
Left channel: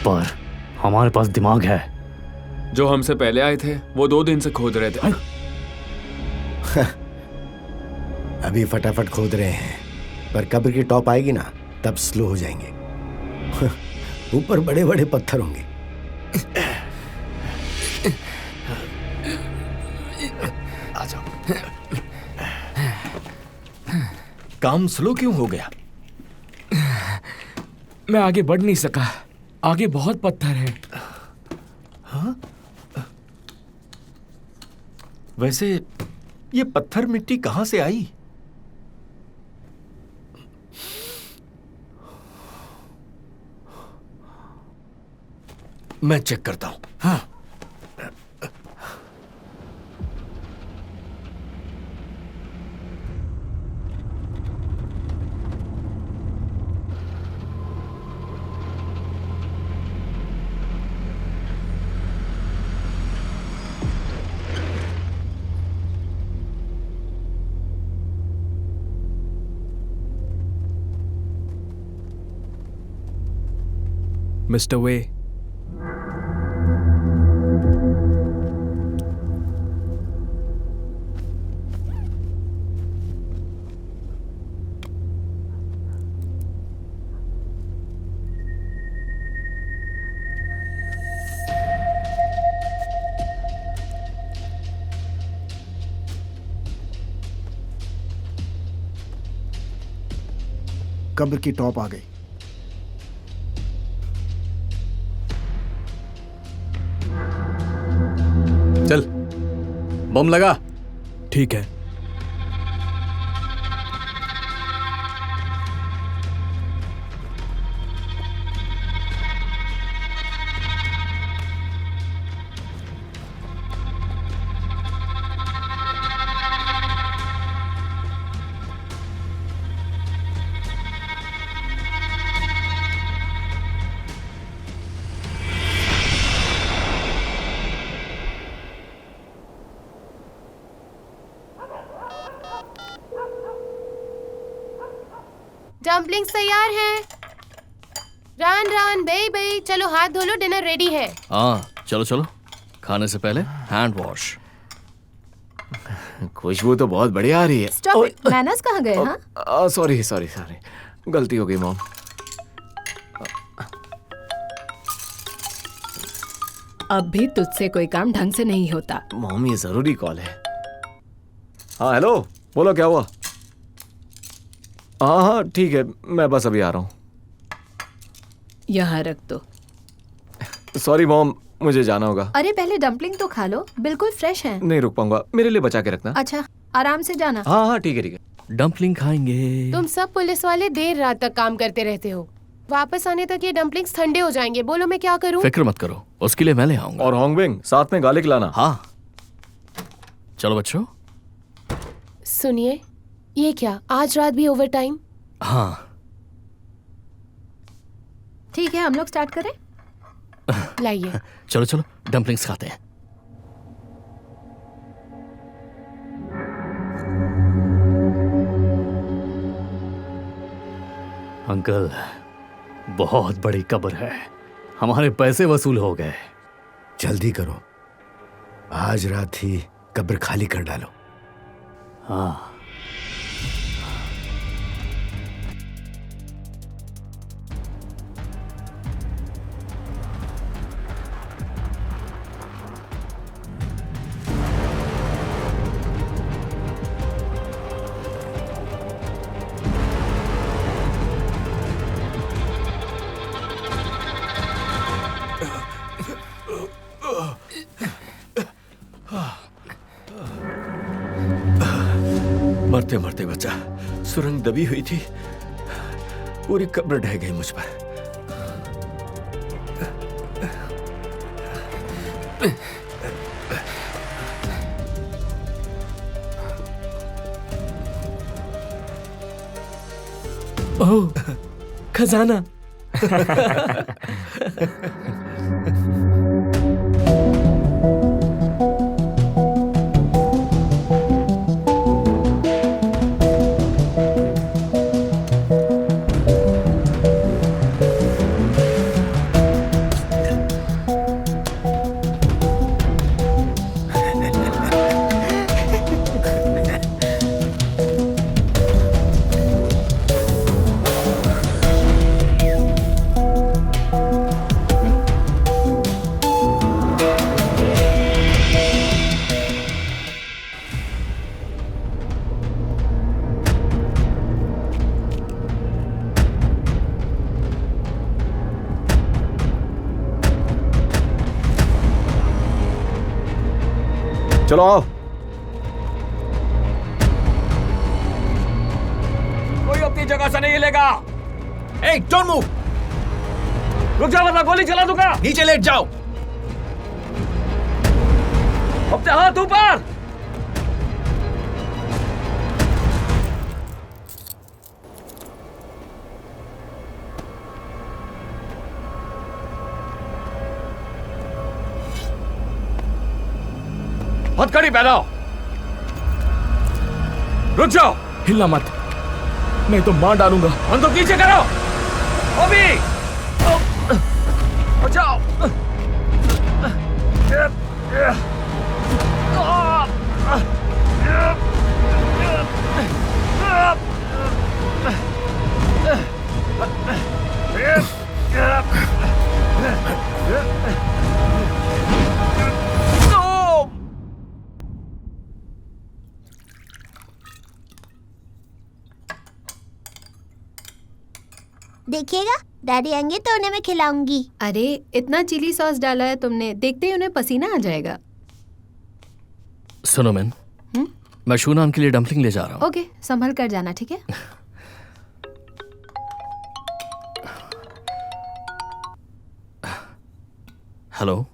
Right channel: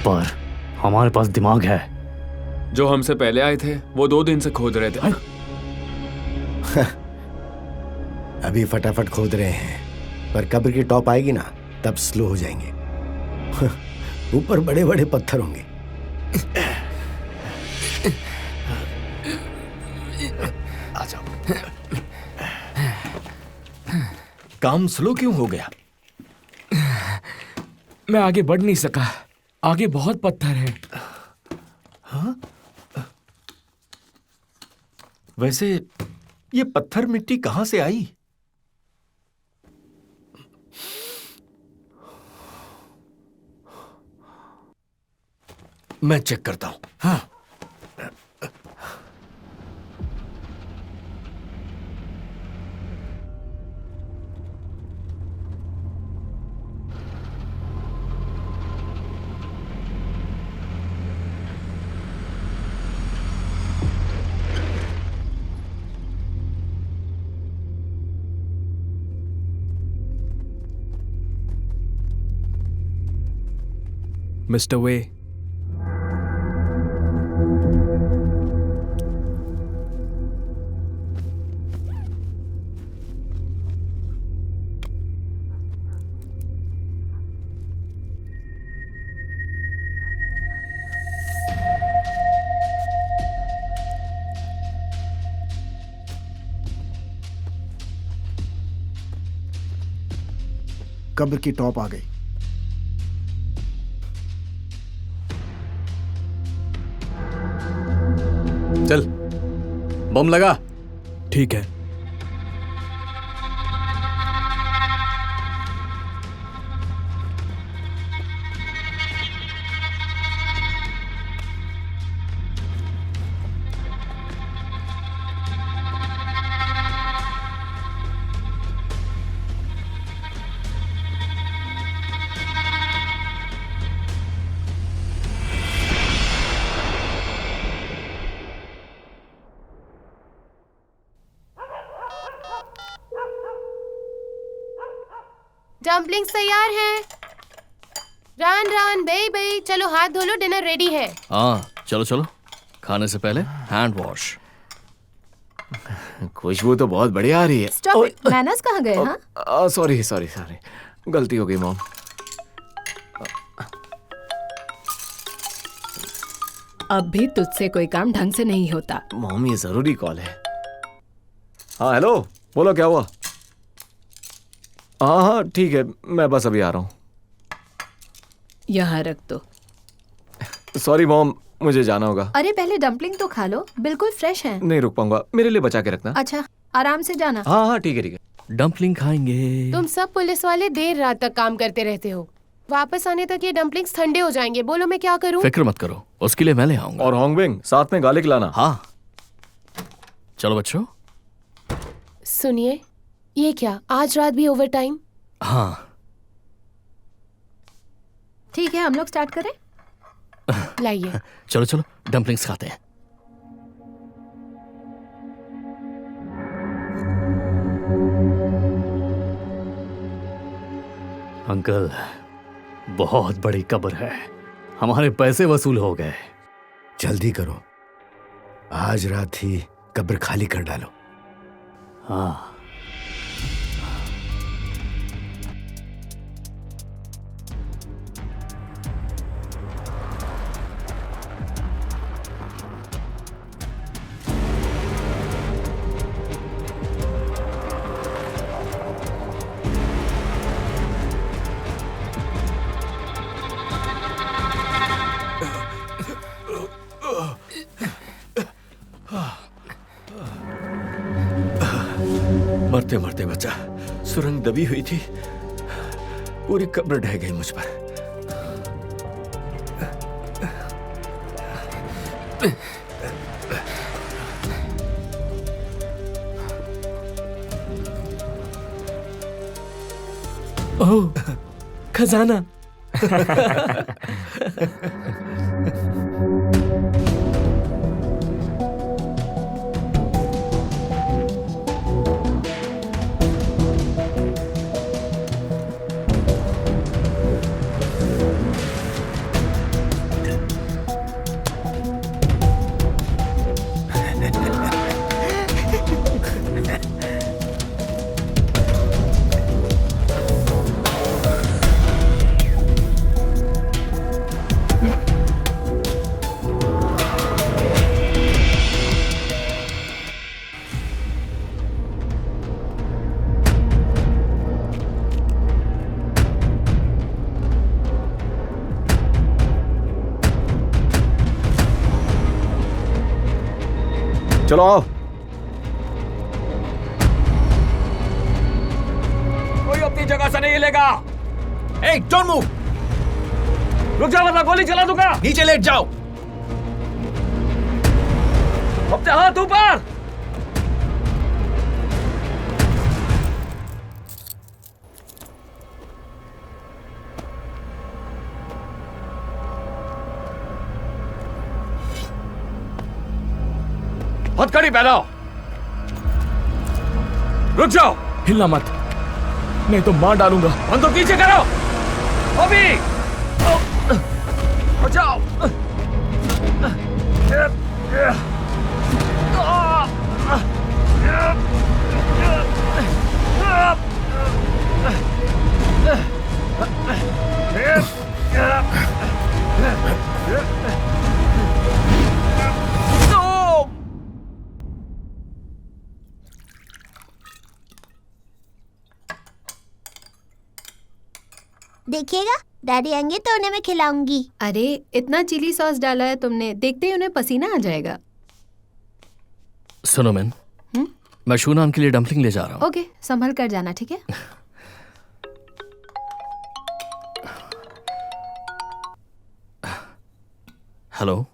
पर हमारे पास दिमाग है। जो हमसे पहले आए थे वो 2 दिन से खोद रहे थे। अभी फटाफट खोद रहे हैं, पर कब्र की टॉप आएगी ना, तब स्लो हो जाएंगे। ऊपर बड़े बड़े पत्थर होंगे। आ जाओ। काम स्लो क्यों हो गया? मैं आगे बढ़ नहीं सका। आगे बहुत पत्थर है। हाँ? वैसे ये पत्थर मिट्टी कहां से आई? मैं चेक करता हूं। हाँ। मिस्टर वे। कब्र की टॉप आ गई। चल बम लगा। ठीक है। डम्पलिंग्स तैयार हैं। रान रान बे बे, चलो हाथ धो लो, डिनर रेडी है। हाँ चलो चलो, खाने से पहले हैंड वॉश। खुशबू तो बहुत बढ़िया आ रही है। स्टॉप इट, मैनर्स कहाँ गए? हाँ सॉरी सॉरी सॉरी, गलती हो गई मॉम। अब भी तुझसे कोई काम ढंग से नहीं होता। मॉम ये जरूरी कॉल है। हाँ हेलो, बोलो क्या हुआ? हाँ हाँ ठीक है, मैं बस अभी आ रहा हूँ। यहाँ रख दो। सॉरी मॉम, मुझे जाना होगा। अरे पहले डम्पलिंग तो खा लो, बिल्कुल फ्रेश है। नहीं रुक पाऊंगा, मेरे लिए बचा के रखना। अच्छा आराम से जाना। हाँ हाँ ठीक है ठीक है। डम्पलिंग खाएंगे। तुम सब पुलिस वाले देर रात तक काम करते रहते हो, वापस आने तक ये डम्पलिंग्स ठंडे हो जाएंगे। बोलो मैं क्या करूँ? फिक्र मत करो, उसके लिए मैं ले आऊंगा। और होंगबिंग साथ में गार्लिक लाना। हाँ चलो बच्चों। सुनिए, ये क्या आज रात भी ओवर टाइम? हाँ ठीक है, हम लोग स्टार्ट करें। लाइए। चलो चलो डम्पलिंग्स खाते हैं। अंकल बहुत बड़ी कब्र है, हमारे पैसे वसूल हो गए। जल्दी करो, आज रात ही कब्र खाली कर डालो। हाँ मरते मरते बचा, सुरंग दबी हुई थी, पूरी कब्र ढह गई मुझ पर। ओह खजाना। चलो आओ। कोई अपनी जगह से नहीं हिलेगा। ए, डोंट मूव। रुक जाओ वरना गोली चला दूंगा। नीचे लेट जाओ। अपने हाथ ऊपर। हथकड़ी पहनाओ। रुक जाओ। हिलना मत, नहीं तो मार डालूंगा। बंदूक नीचे करो। अभी बचाओ। देखिएगा, डैडी आएंगे तो उन्हें मैं खिलाऊंगी। अरे इतना चिली सॉस डाला है तुमने, देखते ही उन्हें पसीना आ जाएगा। सुनो मैन, मैं शूनाम के लिए डम्पलिंग ले जा रहा हूँ। ओके, संभल कर जाना, ठीक है? हेलो,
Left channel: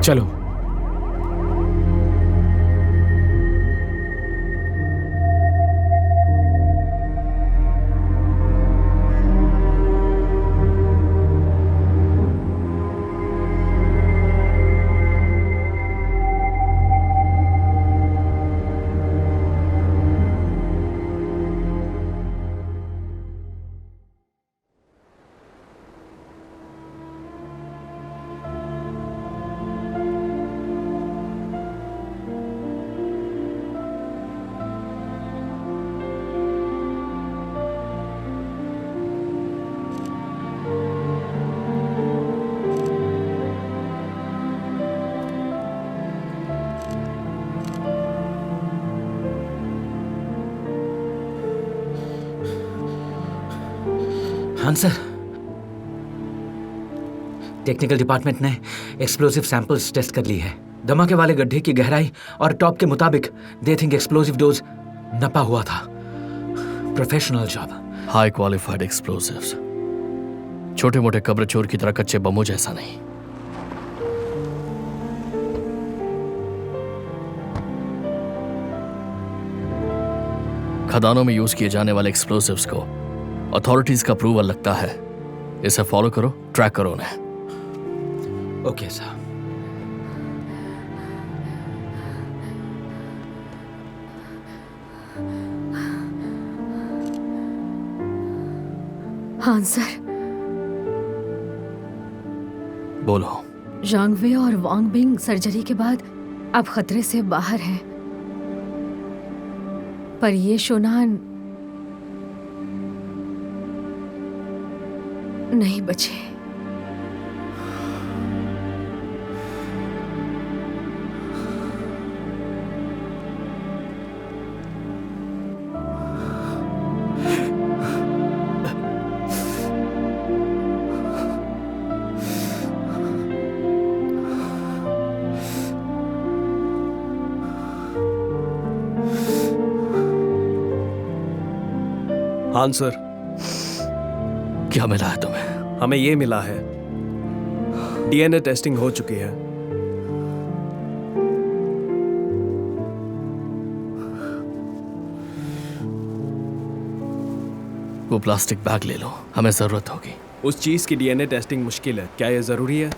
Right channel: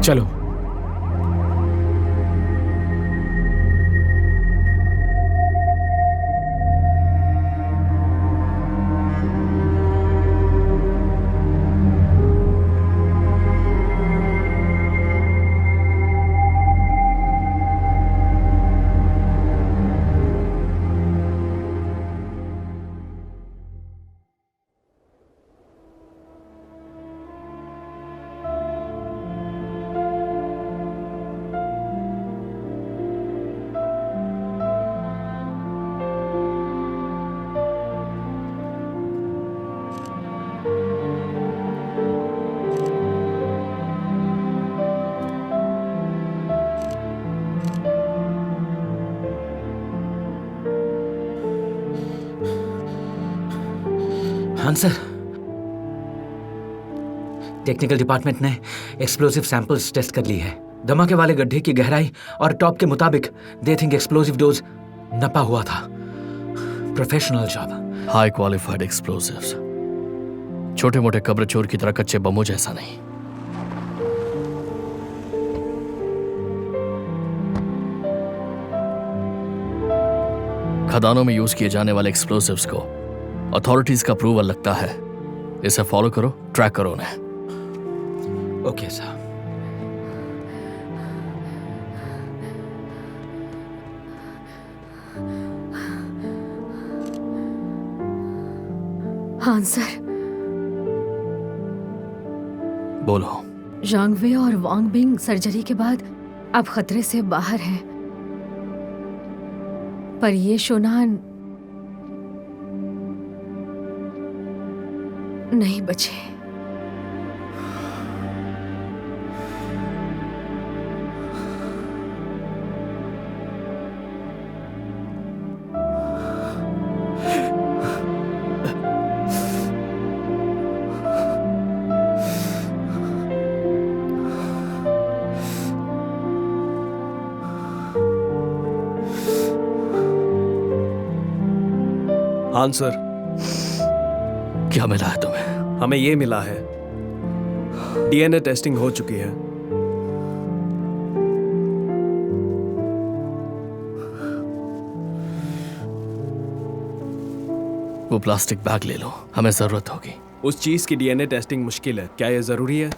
चलो। हाँ सर, टेक्निकल डिपार्टमेंट ने एक्सप्लोसिव सैंपल्स टेस्ट कर ली है। धमाके वाले गड्ढे की गहराई और टॉप के मुताबिक दे थिंक एक्सप्लोसिव डोज नपा हुआ था। Professional job. High qualified explosives, छोटे मोटे कब्र चोर की तरह कच्चे बमों जैसा नहीं। खदानों में यूज किए जाने वाले एक्सप्लोसिव्स को अथॉरिटीज का अप्रूवल लगता है। इसे फॉलो करो, ट्रैक करो उन्हें। Okay sir. हाँ सर। बोलो। जांगवे और वांग बिंग सर्जरी के बाद अब खतरे से बाहर हैं, पर ये शोनान नहीं बचे। हाँ सर। क्या मिला है तुम्हें? हमें ये मिला है, डीएनए टेस्टिंग हो चुकी है। वो प्लास्टिक बैग ले लो, हमें जरूरत होगी। उस चीज की डीएनए टेस्टिंग मुश्किल है, क्या ये जरूरी है?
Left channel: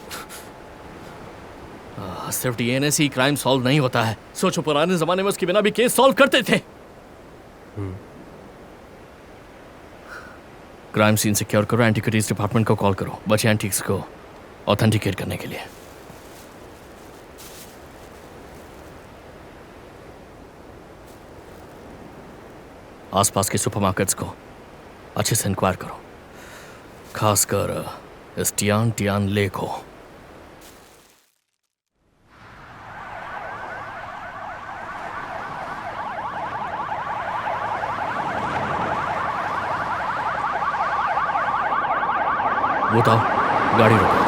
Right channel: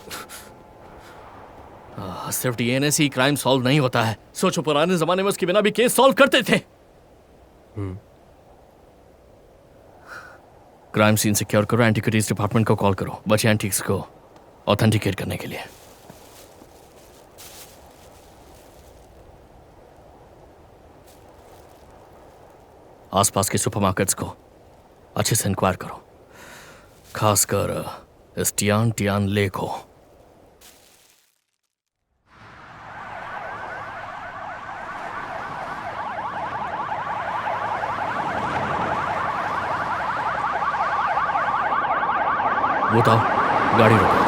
सिर्फ डीएनए से ही क्राइम सॉल्व नहीं होता है। सोचो, पुराने जमाने में उसके बिना भी केस सॉल्व करते थे। क्राइम सीन सिक्योर करो, एंटीक्विटीज डिपार्टमेंट को कॉल करो, बचे एंटीक्स को ऑथेंटिकेट करने के लिए। आसपास के सुपरमार्केट्स को अच्छे से इंक्वायर करो, खासकर इस टियान ले को। वो तो गाड़ी रोको।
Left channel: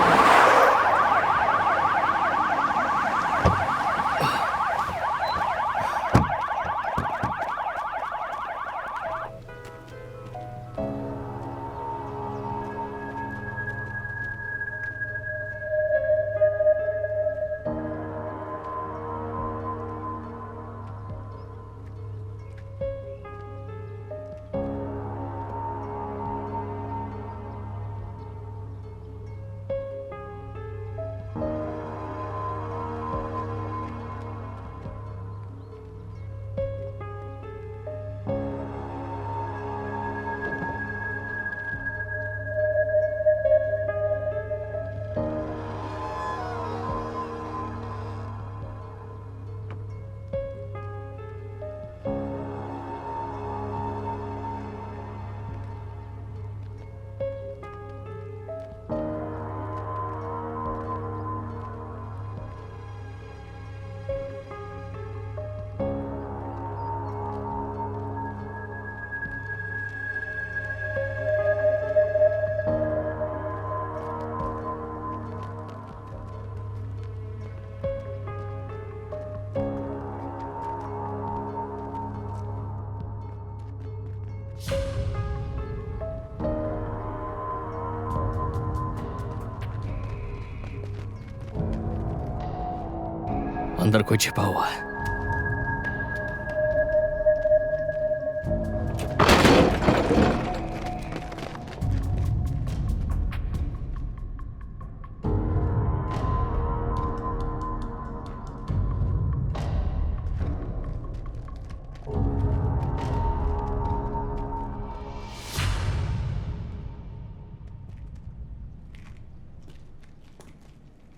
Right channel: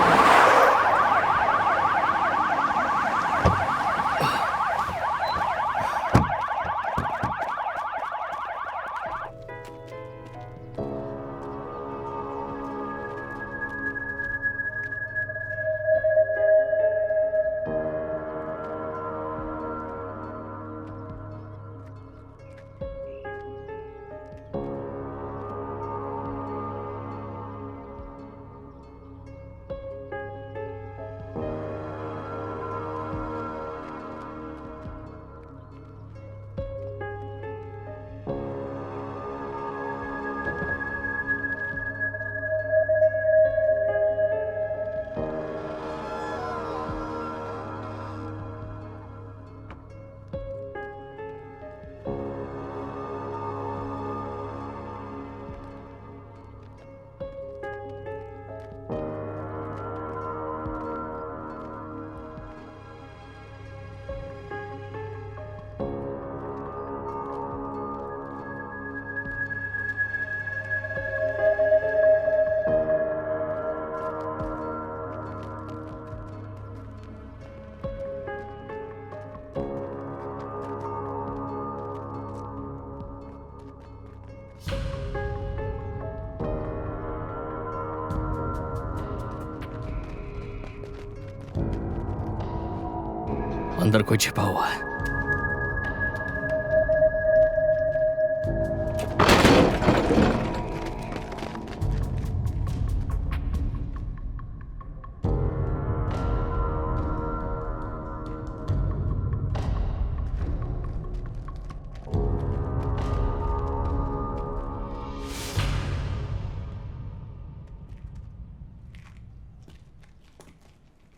अंदर कोई छिपा हुआ है।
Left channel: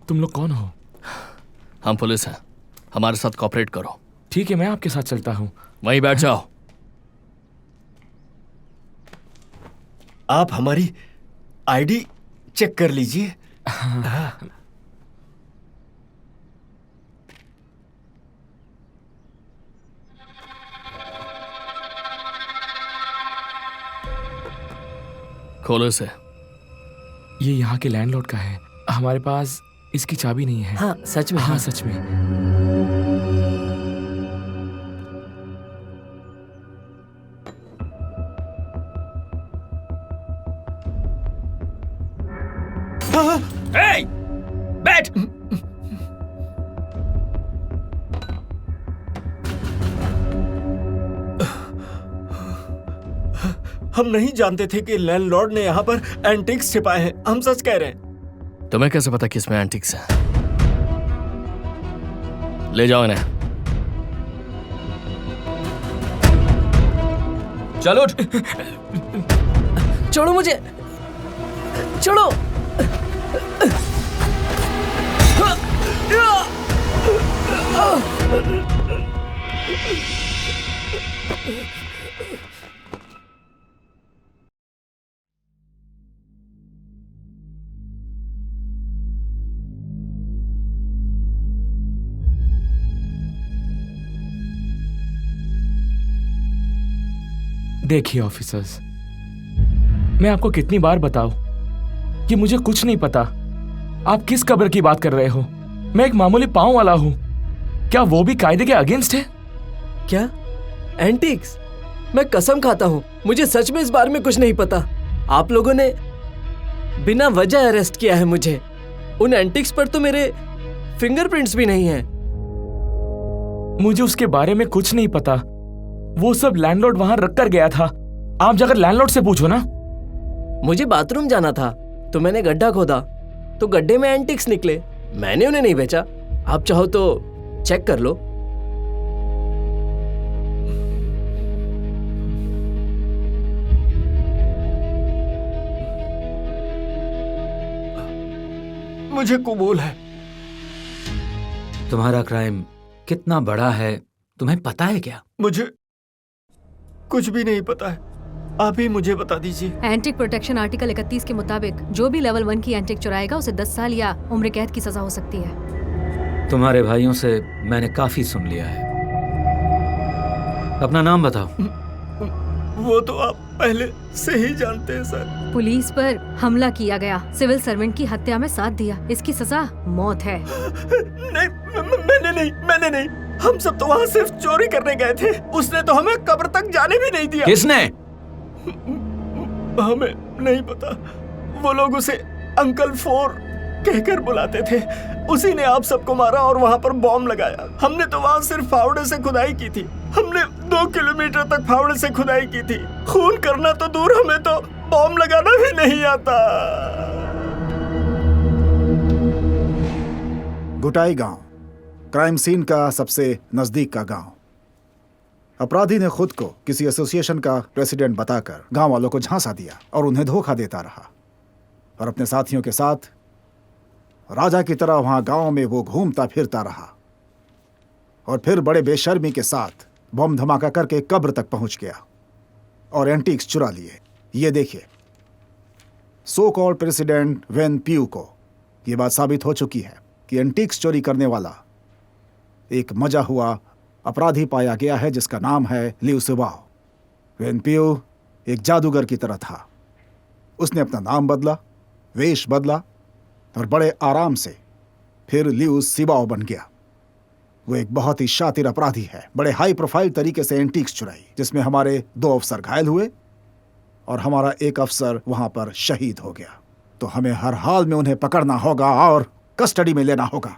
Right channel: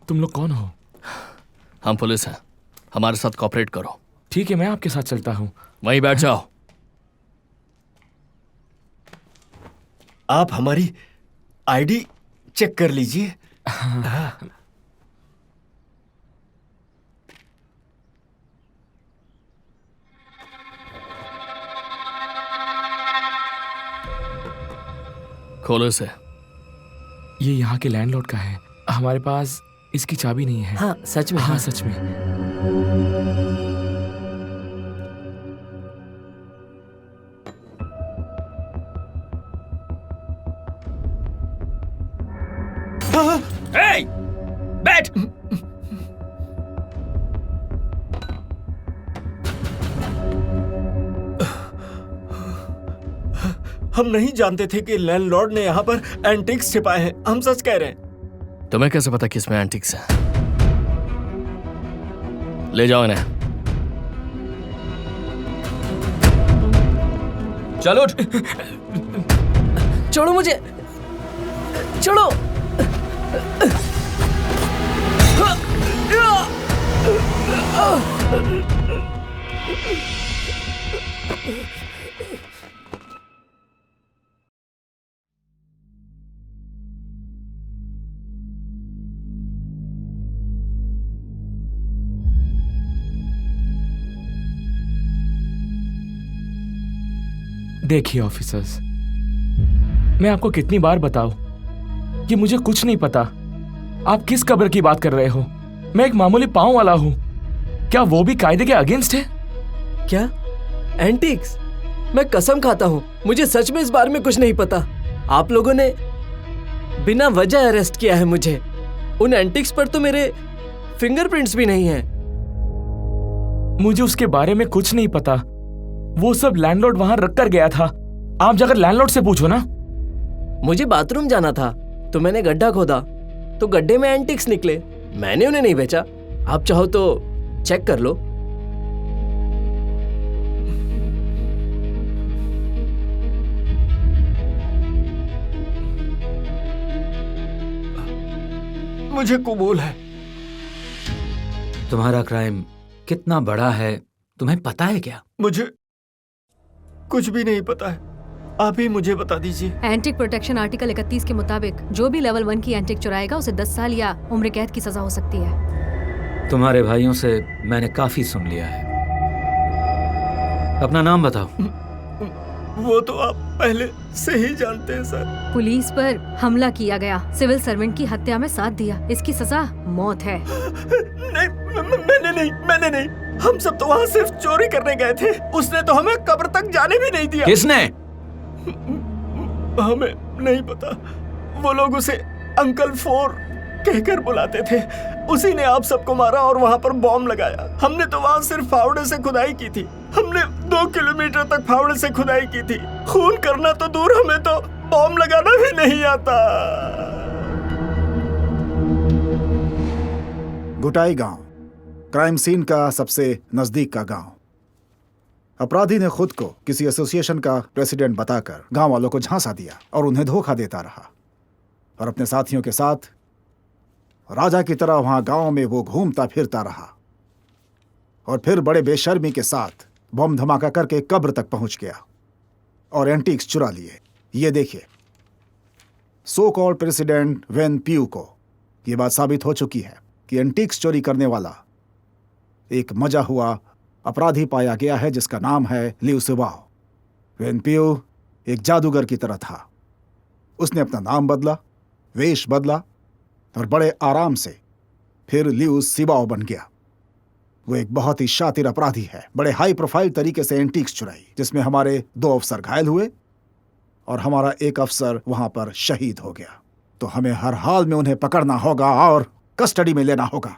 तुम लोग कौन हो? हम पुलिस हैं, हमारे साथ कॉपरेट करो। ठीक है, मैं आपके साथ चलता हूँ। वहीं बैठ जाओ। आप हमारी आईडी चेक कर लीजिए। खोलो इसे। ये यहाँ के लैंडलॉर्ड का है। हमारे पास इसकी चाबी नहीं है। हाँ सच में। हाँ सच में। Hey! बैठ। हम नहीं जानते थे कि लैंडलॉर्ड ने यहाँ पर एंटिक्स छिपाए हैं। हम सच कह रहे हैं। तुम्हें कैसे पता कि इसमें एंटिक्स है? ले जाओ इन्हें। चलो। छोड़ो मुझे, छोड़ो। देखिए ऑफिसर्स, मैं आपको कितनी बार बताऊं कि मुझे कुछ नहीं पता। आप किस कब्र की बात कर रहे हो? मैं एक मामूली पांव वाला हूं। क्या वो भी कायदे के अगेंस्ट है? क्या एंटिक्स? मैं कसम खाता हूं, मुझे सच में इस बारे में कुछ नहीं पता। आप लोगों ने बिना वजह अरेस्ट किया है मुझे। उन एंटिक्स पर तो मेरे फिंगरप्रिंट्स भी नहीं हैं। मुझे उसके बारे में कुछ नहीं पता। वो सब लैंडलॉर्ड वहां रख कर गया था। आप जाकर लैंडलॉर्ड से पूछो ना। मुझे बाथरूम जाना था तो मैंने गड्ढा खोदा, तो गड्ढे में एंटिक्स निकले। मैंने उन्हें नहीं बेचा। आप चाहो तो चेक कर लो। मुझे कबूल है। तुम्हारा क्राइम कितना बड़ा है तुम्हें पता है क्या? मुझे कुछ भी नहीं पता है, आप ही मुझे बता दीजिए। एंटिक प्रोटेक्शन आर्टिकल 31 के मुताबिक जो भी लेवल 1 की एंटिक चुराएगा उसे 10 साल या उम्र कैद की सजा हो सकती है। तुम्हारे भाइयों से मैंने काफी सुन लिया है। अपना नाम बताओ। वो तो आप पहले से ही जानते हैं सर। पुलिस पर हमला किया गया, सिविल सर्वेंट की हत्या में साथ दिया, इसकी सजा मौत है। नहीं, मैंने नहीं। हम सब तो वहाँ सिर्फ चोरी करने गए थे। उसने तो हमें कब्र तक जाने भी नहीं दिया। किसने? हमें नहीं पता। वो लोग उसे अंकल 4 कहकर बुलाते थे। उसी ने आप सबको मारा और वहाँ पर बॉम्ब लगाया। हमने तो वहाँ सिर्फ फावड़े से खुदाई की थी। हमने 2 किलोमीटर तक फावड़े से खुदाई की थी। खून करना तो दूर, हमें तो बॉम्ब लगाना भी नहीं आता। गुटाई गांव क्राइम सीन का सबसे नजदीक का गांव। अपराधी ने खुद को किसी एसोसिएशन का प्रेसिडेंट बताकर गांव वालों को झांसा दिया और उन्हें धोखा देता रहा, और अपने साथियों के साथ राजा की तरह वहां गांव में वो घूमता फिरता रहा, और फिर बड़े बेशर्मी के साथ बम धमाका करके कब्र तक पहुंच गया और एंटीक्स चुरा लिए। ये देखिए, सो कॉल्ड प्रेसिडेंट वेन प्यू को ये बात साबित हो चुकी है कि एंटीक्स चोरी करने वाला एक मजा हुआ अपराधी पाया गया है जिसका नाम है लिउ सिबाओ। वेन प्यू एक जादूगर की तरह था। उसने अपना नाम बदला, वेश बदला और बड़े आराम से फिर लिउ सिबाओ बन गया। वो एक बहुत ही शातिर अपराधी है। बड़े हाई प्रोफाइल तरीके से एंटीक्स चुराई, जिसमें हमारे 2 अफसर घायल हुए और हमारा एक अफसर वहां पर शहीद हो गया। तो हमें हर हाल में उन्हें पकड़ना होगा और कस्टडी में लेना होगा।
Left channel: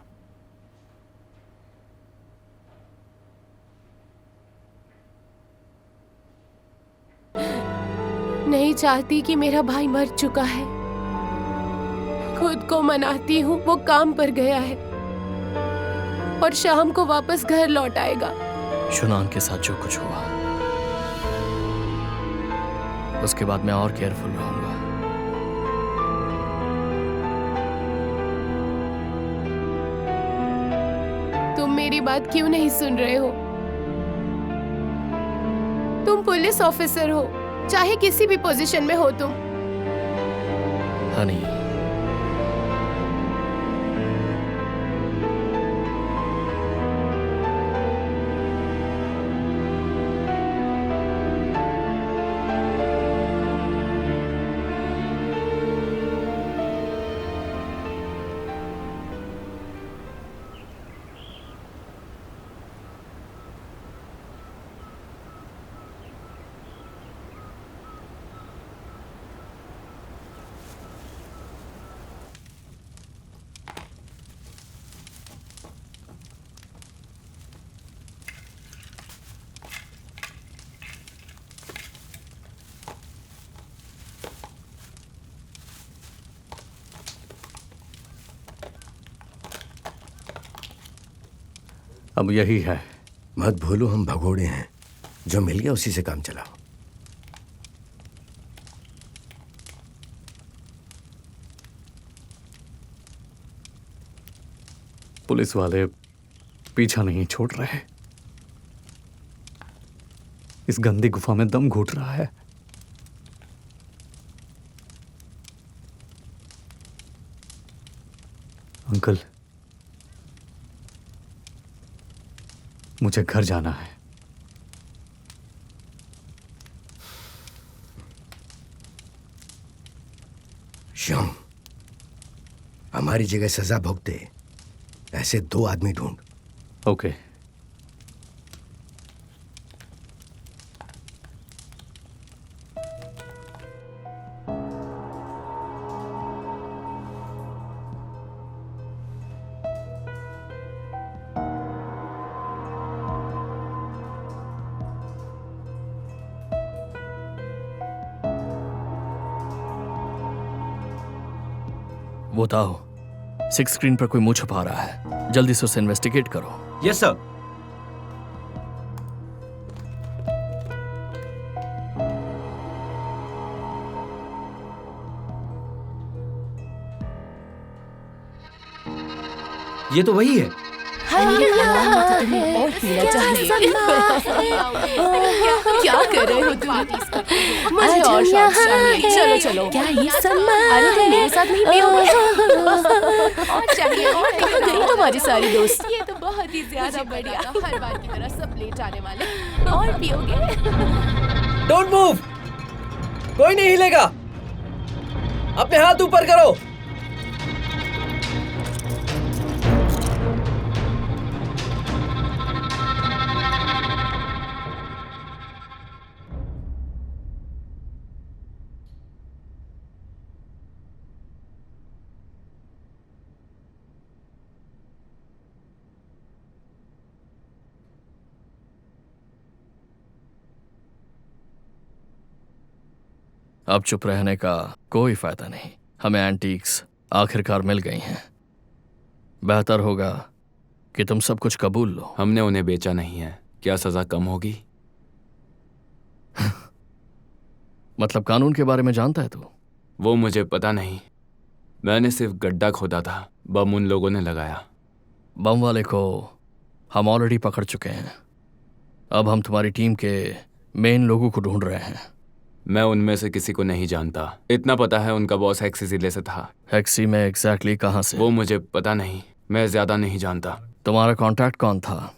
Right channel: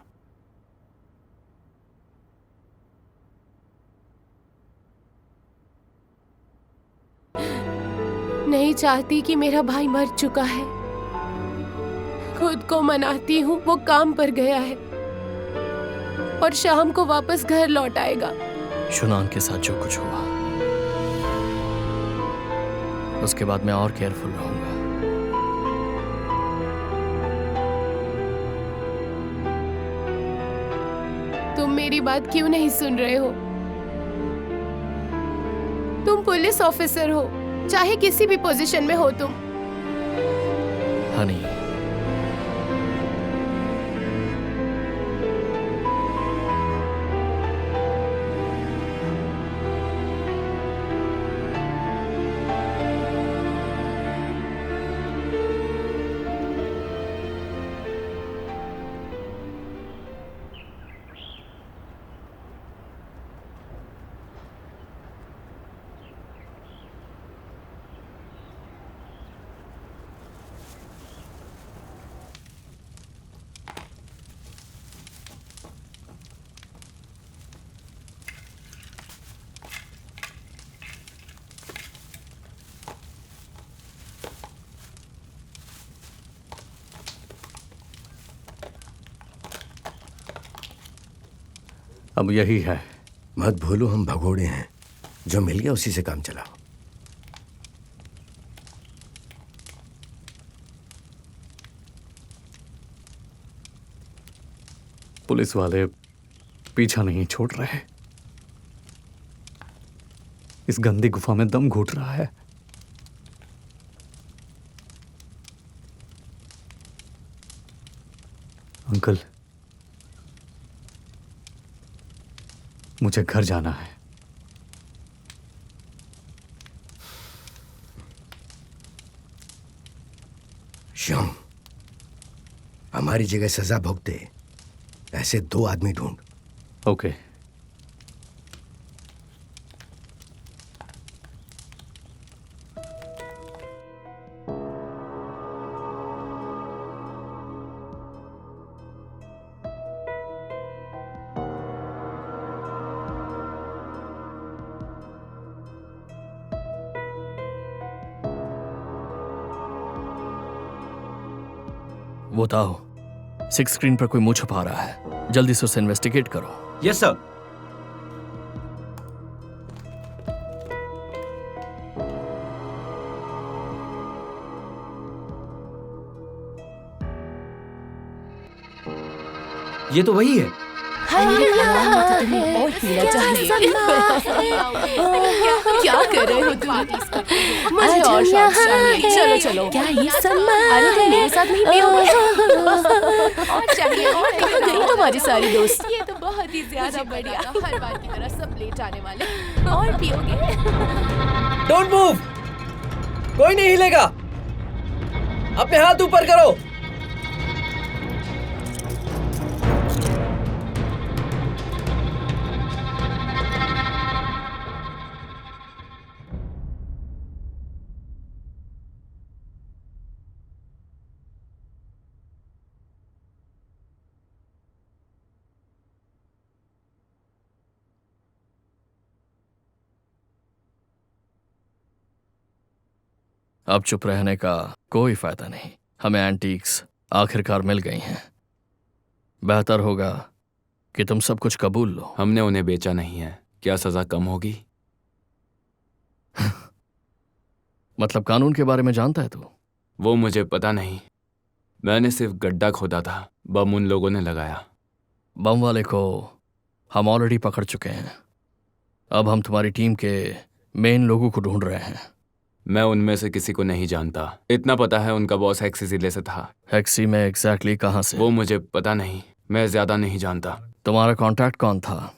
नहीं चाहती कि मेरा भाई मर चुका है। खुद को मनाती हूँ वो काम पर गया है और शाम को वापस घर लौट आएगा। शुनान के साथ जो कुछ हुआ, उसके बाद मैं और केयरफुल रहूंगा। तुम मेरी बात क्यों नहीं सुन रहे हो? तुम पुलिस ऑफिसर हो, चाहे किसी भी पोजीशन में हो तुम। हनी, अब यही है। मत भूलो हम भगोड़े हैं, जो मिल गया उसी से काम चलाओ। पुलिस वाले पीछा नहीं छोड़ रहे। इस गंदी गुफा में दम घुट रहा है। अंकल, मुझे घर जाना है। श्याम, हमारी जगह सजा भुगते ऐसे 2 आदमी ढूंढ। ओके। वो ताओ, 6 स्क्रीन पर कोई मुंह छुपा रहा है, जल्दी से उसे इन्वेस्टिगेट करो। Yes sir. ये तो वही है। और पीना चाहिए। क्या कर रहे हो तुम? मुझे और शॉट्स चाहिए। चलो चलो। क्या ये सम्मान? अरे तुम मेरे साथ नहीं पियोगे? और चाहिए। और कहाँ गई तुम्हारी सारी दोस्त? ये तो बहुत ही ज्यादा बढ़िया। हर बार की तरह सब लेट आने वाले। और पियोगे? डोंट मूव, कोई नहीं हिलेगा। अपने हाथ ऊपर करो। अब चुप रहने का कोई फायदा नहीं। हमें एंटीक्स आखिरकार मिल गई हैं। बेहतर होगा कि तुम सब कुछ कबूल लो। हमने उन्हें बेचा नहीं है, क्या सजा कम होगी? मतलब कानून के बारे में जानता है तू? वो मुझे पता नहीं, मैंने सिर्फ गड्ढा खोदा था, बम उन लोगों ने लगाया। बम वाले को हम ऑलरेडी पकड़ चुके हैं। अब हम तुम्हारी टीम के मेन लोगों को ढूंढ रहे हैं। मैं उनमें से किसी को नहीं जानता। इतना पता है उनका बॉस हेक्सी जिले से था। हेक्सी में एग्जैक्टली कहाँ से? वो मुझे पता नहीं, मैं ज्यादा नहीं जानता। तुम्हारा कांटेक्ट कौन था?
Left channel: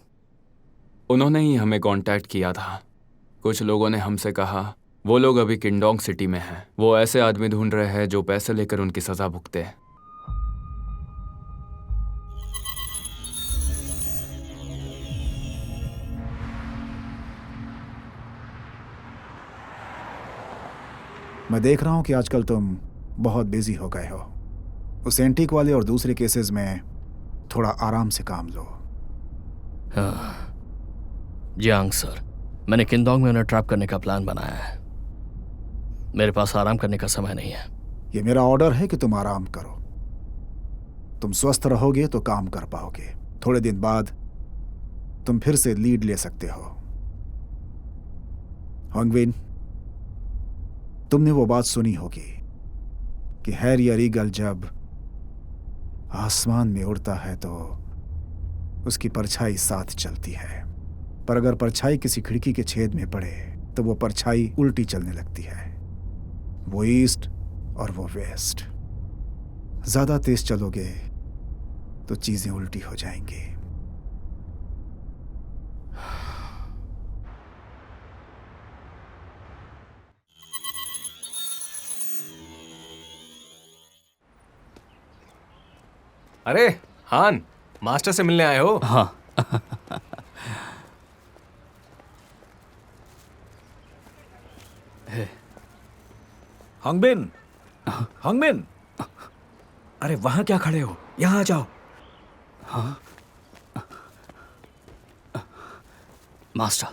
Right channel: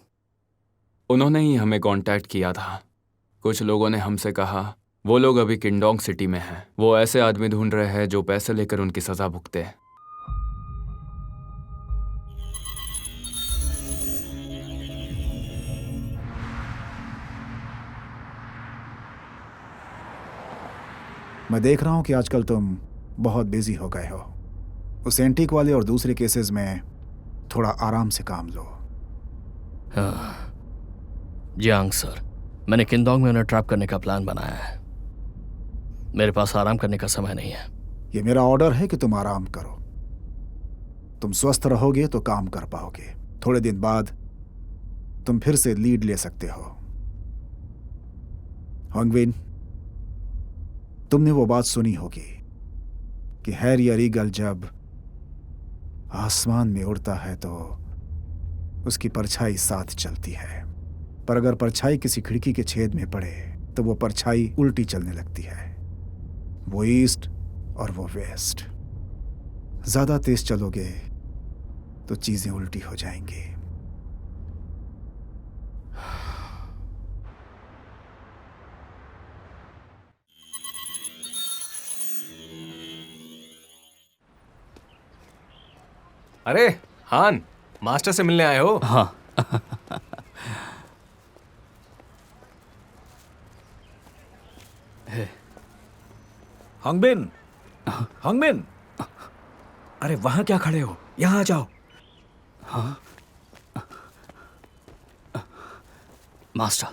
उन्होंने ही हमें कांटेक्ट किया था। कुछ लोगों ने हमसे कहा वो लोग अभी किंडोंग सिटी में हैं। वो ऐसे आदमी ढूंढ रहे हैं जो पैसे लेकर उनकी सजा भुगते। मैं देख रहा हूं कि आजकल तुम बहुत बिजी हो गए हो। उस एंटीक वाले और दूसरे केसेस में थोड़ा आराम से काम लो। हाँ जियांग सर, मैंने किंडोंग में उन्हें ट्रैप करने का प्लान बनाया है। मेरे पास आराम करने का समय नहीं है। ये मेरा ऑर्डर है कि तुम आराम करो। तुम स्वस्थ रहोगे तो काम कर पाओगे। थोड़े दिन बाद तुम फिर से लीड ले सकते हो। हॉन्गविन, तुमने वो बात सुनी होगी कि हैरियर ईगल जब आसमान में उड़ता है तो उसकी परछाई साथ चलती है, पर अगर परछाई किसी खिड़की के छेद में पड़े तो वो परछाई उल्टी चलने लगती है। वो ईस्ट और वो वेस्ट। ज्यादा तेज चलोगे तो चीजें उल्टी हो जाएंगी। अरे हान, मास्टर से मिलने आए हो? हाँ। हॉन्गबिन, हॉन्गबिन, अरे वहां क्या खड़े हो? यहां आ जाओ। हाँ? मास्टर,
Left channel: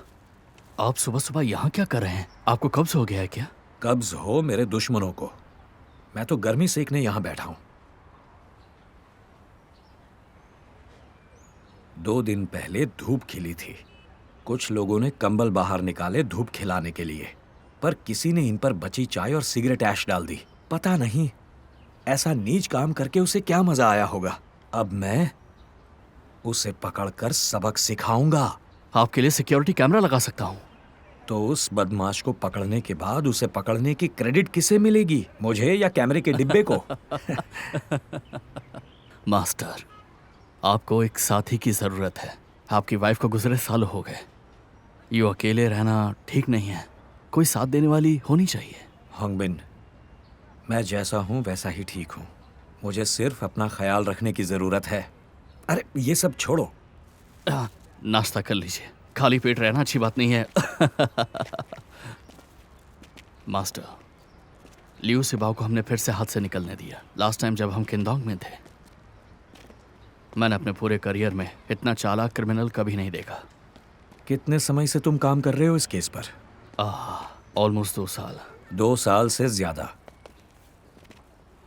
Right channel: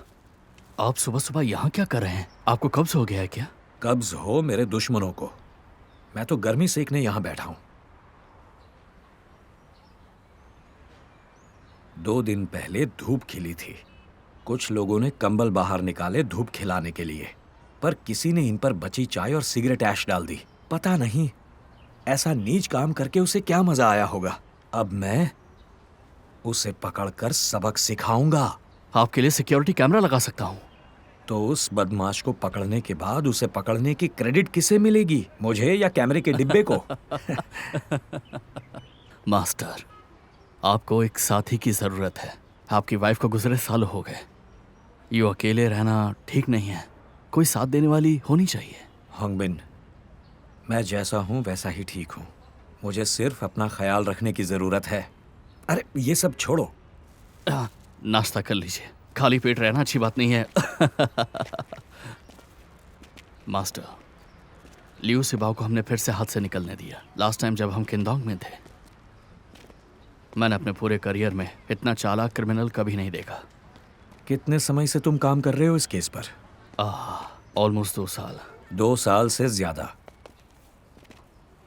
आप सुबह सुबह यहाँ क्या कर रहे हैं? आपको कब्ज हो गया है क्या? कब्ज हो मेरे दुश्मनों को। मैं तो गर्मी सेकने यहां बैठा हूं। 2 दिन पहले धूप खिली थी। कुछ लोगों ने कंबल बाहर निकाले धूप खिलाने के लिए, पर किसी ने इन पर बची चाय और सिगरेट ऐश डाल दी। पता नहीं ऐसा नीच काम करके उसे क्या मजा आया होगा। अब मैं उसे पकड़कर सबक सिखाऊंगा। आपके लिए सिक्योरिटी कैमरा लगा सकता हूं। तो उस बदमाश को पकड़ने के बाद उसे पकड़ने की क्रेडिट किसे मिलेगी, मुझे या कैमरे के डिब्बे को? मास्टर, आपको एक साथी की जरूरत है। आपकी वाइफ को गुजरे सालों हो गए। यूं अकेले रहना ठीक नहीं है। कोई साथ देने वाली होनी चाहिए। हॉन्गबिन, मैं जैसा हूं वैसा ही ठीक हूं। मुझे सिर्फ अपना ख्याल रखने की जरूरत है। अरे ये सब छोड़ो, नाश्ता कर लीजिए। खाली पेट रहना अच्छी बात नहीं है। मास्टर, लियू सिबाओ को हमने फिर से हाथ से निकलने दिया। लास्ट टाइम जब हम किंदोंग में थे, मैंने अपने पूरे करियर में इतना चालाक क्रिमिनल कभी नहीं देखा। कितने समय से तुम काम कर रहे हो इस केस पर? ऑलमोस्ट 2 साल। 2 साल से ज्यादा।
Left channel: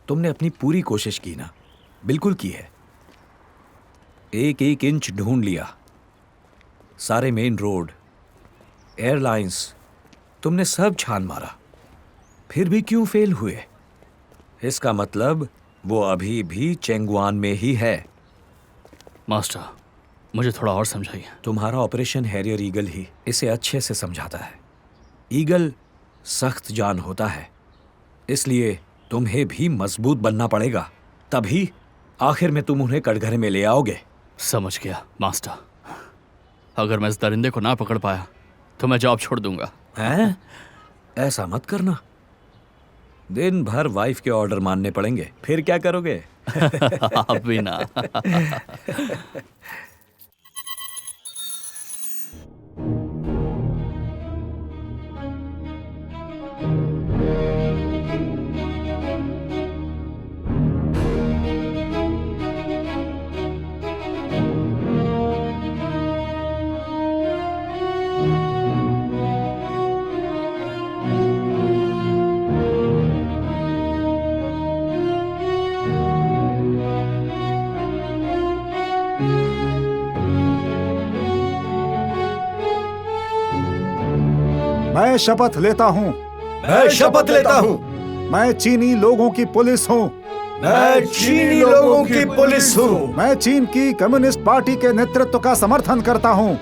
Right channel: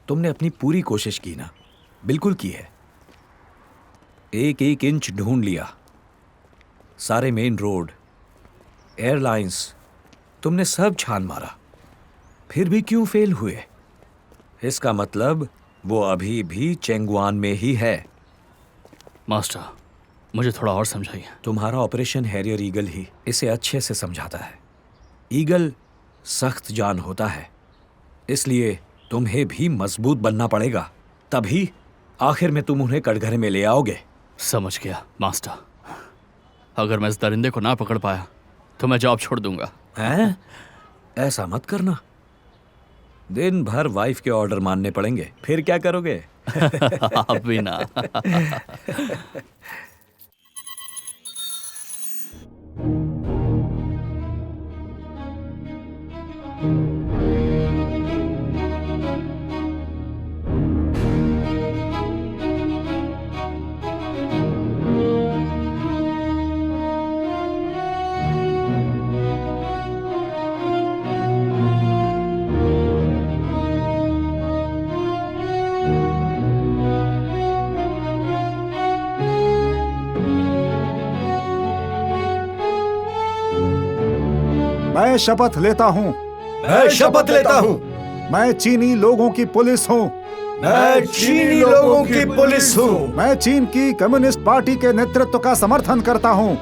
तुमने अपनी पूरी कोशिश की ना? बिल्कुल की है। एक एक इंच ढूंढ लिया। सारे मेन रोड, एयरलाइंस, तुमने सब छान मारा। फिर भी क्यों फेल हुए? इसका मतलब वो अभी भी चेंगुआन में ही है। मास्टर, मुझे थोड़ा और समझाइए। तुम्हारा ऑपरेशन हैरियर ईगल ही इसे अच्छे से समझाता है। ईगल सख्त जान होता है, इसलिए तुम्हें भी मजबूत बनना पड़ेगा। तभी आखिर में तुम उन्हें कटघरे में ले आओगे। समझ गया मास्टर। अगर मैं इस दरिंदे को ना पकड़ पाया तो मैं जॉब छोड़ दूंगा। हैं? ऐसा मत करना। दिन भर वाइफ के ऑर्डर मानने पड़ेंगे, फिर क्या करोगे? आप भी ना। मैं शपथ लेता हूँ। मैं शपथ लेता हूँ। मैं चीनी लोगों की पुलिस हूँ। मैं चीनी लोगों की पुलिस हूँ। मैं चीन की कम्युनिस्ट पार्टी के नेतृत्व का समर्थन करता हूँ।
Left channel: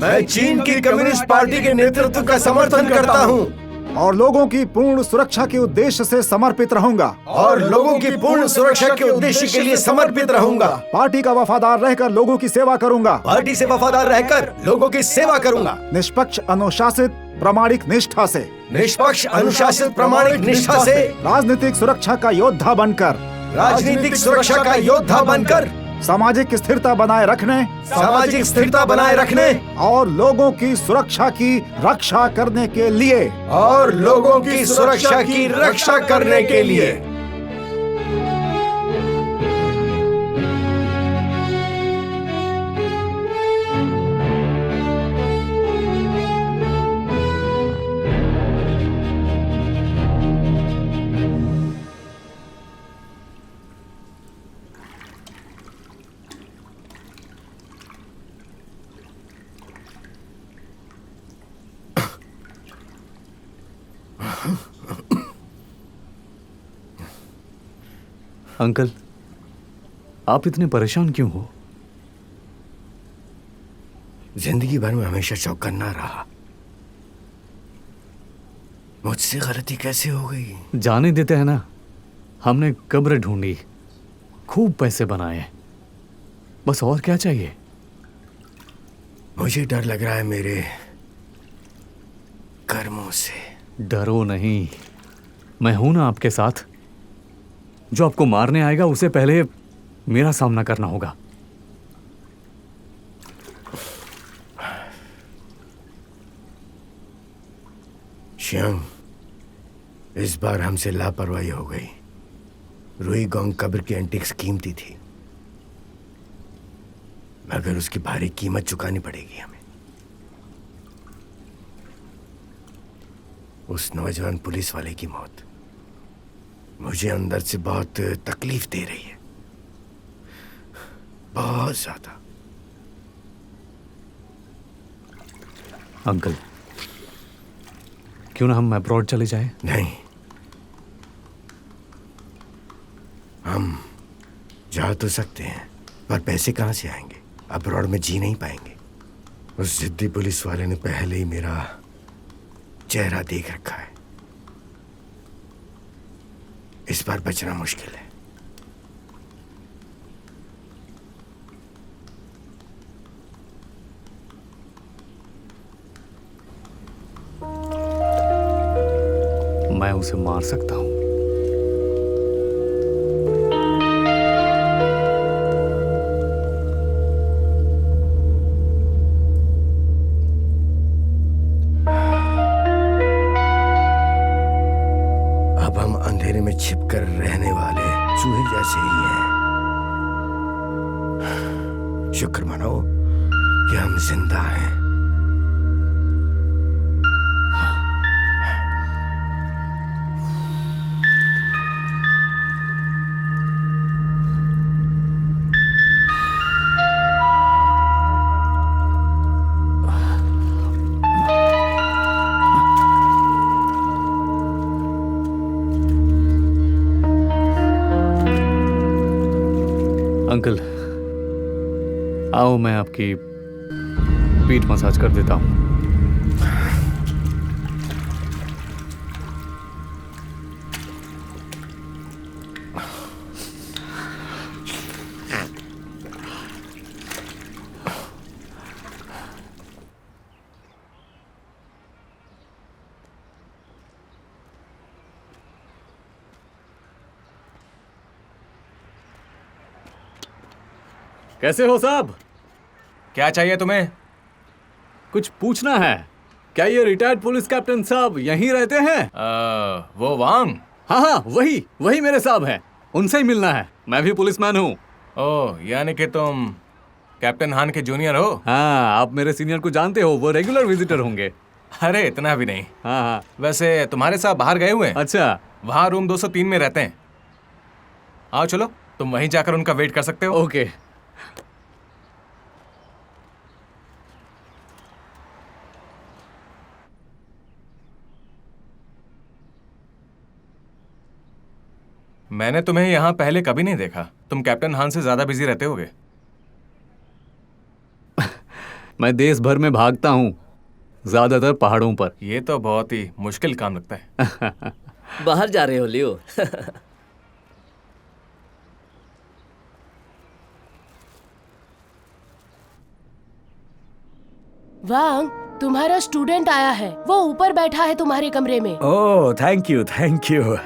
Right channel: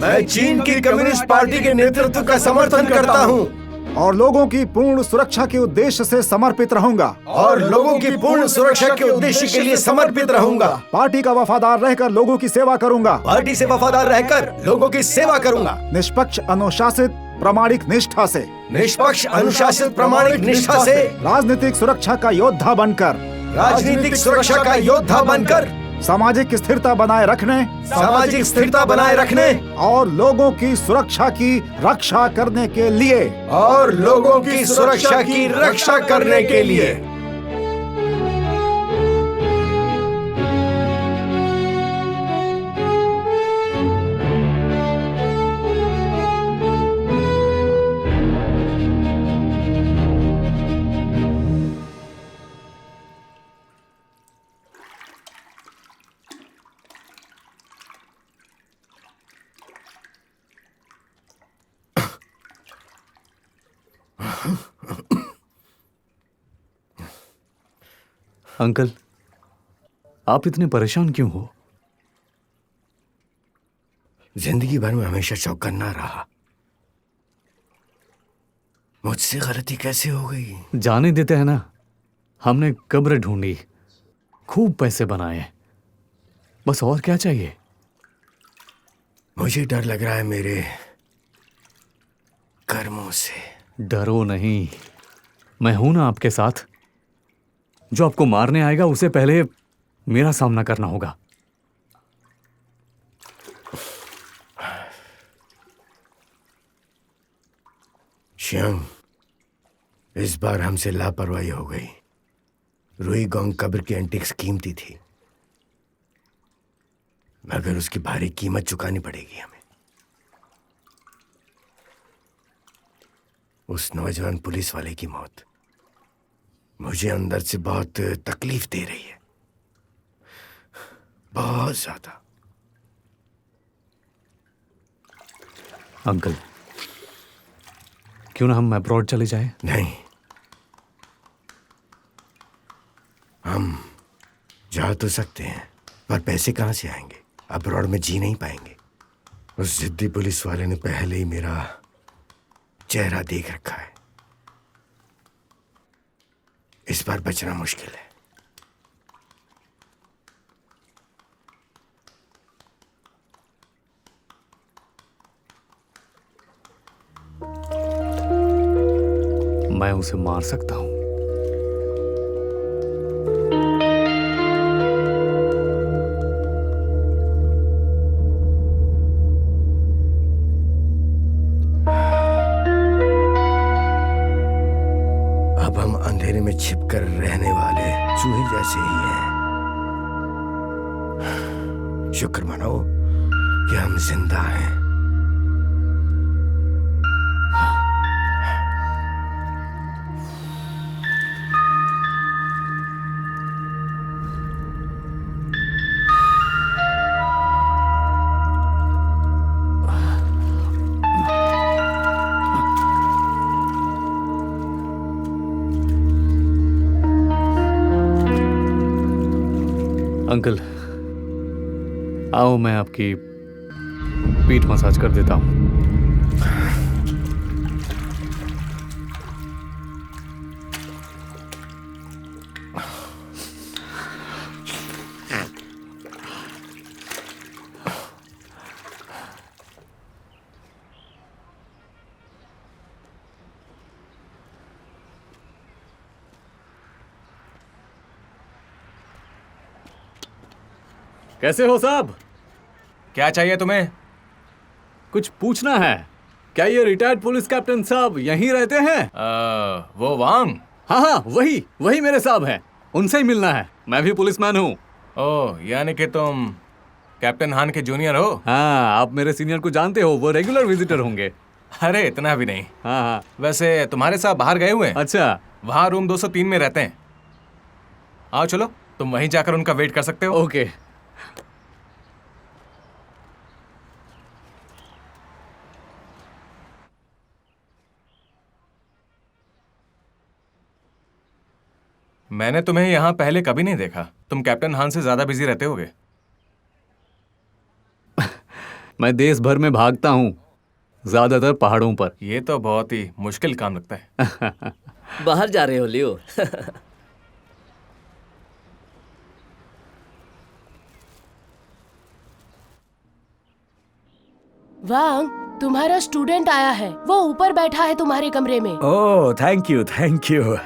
मैं चीन की कम्युनिस्ट पार्टी के नेतृत्व का समर्थन करता हूँ और लोगों की पूर्ण सुरक्षा के उद्देश्य से समर्पित रहूंगा। और लोगों की पूर्ण सुरक्षा के उद्देश्य के लिए समर्पित रहूंगा। पार्टी का वफादार रहकर लोगों की सेवा करूंगा। पार्टी से वफादार रहकर लोगों की सेवा करूंगा। निष्पक्ष, अनुशासित, प्रामाणिक निष्ठा से। निष्पक्ष, अनुशासित, प्रामाणिक निष्ठा से। राजनीतिक सुरक्षा का योद्धा बनकर। राजनीतिक सुरक्षा का योद्धा बनकर। सामाजिक स्थिरता बनाए रखने। सामाजिक स्थिरता बनाए रखने। और लोगों की सुरक्षा की रक्षा करने के लिए। और लोगों की सुरक्षा की रक्षा करने के लिए। अंकल, आप इतने परेशान क्यों हो? जिंदगी भर में हमेशा चौकन्ना रहा। मुझसे गलती कैसे हो गई? जाने देते हैं ना। हमने कब्र ढूंढी, खूब पैसे बनाए, बस और क्या चाहिए? मुझे डर लग रहा है मेरे कर्मों से। डरो नहीं, मैं हूं ना आपके साथ। जो आपको मारने आएगा उसे पहले मेरा सामना करना होगा। श्यांग, इस बार हमसे लापरवाही हो गई। रुई गोंग कब्र की एंटिक्स कीमती थी, मगर उसकी भारी कीमत चुकानी पड़ेगी हमें। उस नौजवान पुलिस वाले की मौत मुझे अंदर से बहुत तकलीफ दे रही है, बहुत ज्यादा। अंकल, क्यों ना हम अब्रॉड चले जाएं? नहीं, हम जा तो सकते हैं, पर पैसे कहां से आएंगे? अब्रॉड में जी नहीं पाएंगे। उस जिद्दी पुलिस वाले ने पहले ही मेरा चेहरा देख रखा है। इस बार बचना मुश्किल है। मैं उसे मार सकता हूं। अब हम अंधेरे में छिपकर रहने वाले चूहे जैसे ही हैं। शुक्र मनाओ कि हम जिंदा हैं। अंकल, आओ मैं आपकी पीठ मसाज कर देता हूं। कैसे हो साहब? क्या चाहिए तुम्हें? कुछ पूछना है। क्या ये रिटायर्ड पुलिस कैप्टन साहब यहीं रहते हैं? वो वांग? हाँ, वही मेरे साहब हैं। उनसे ही मिलना है। मैं भी पुलिसमैन हूँ। ओह, यानी कि तुम कैप्टन हान के जूनियर हो? हाँ, आप मेरे सीनियर को जानते हो, वो रेगुलर विजिटर होंगे। अरे इतना भी नहीं। हाँ। वैसे तुम्हारे साहब बाहर गए हुए हैं? अच्छा। वहाँ रूम 203 में रहते हैं। आओ चलो, तुम वहीं जाकर उनका वेट कर सकते हो। ओके। मैंने तुम्हें यहाँ पहले कभी नहीं देखा। तुम कैप्टन हान से ज्यादा बिजी रहते होगे। मैं देश भर में भागता हूँ, ज्यादातर पहाड़ों पर। ये तो बहुत ही मुश्किल काम लगता है। बाहर जा रहे हो लियो? वांग, तुम्हारा स्टूडेंट आया है। वो ऊपर बैठा है तुम्हारे कमरे में। ओह, थैंक यू, थैंक यू।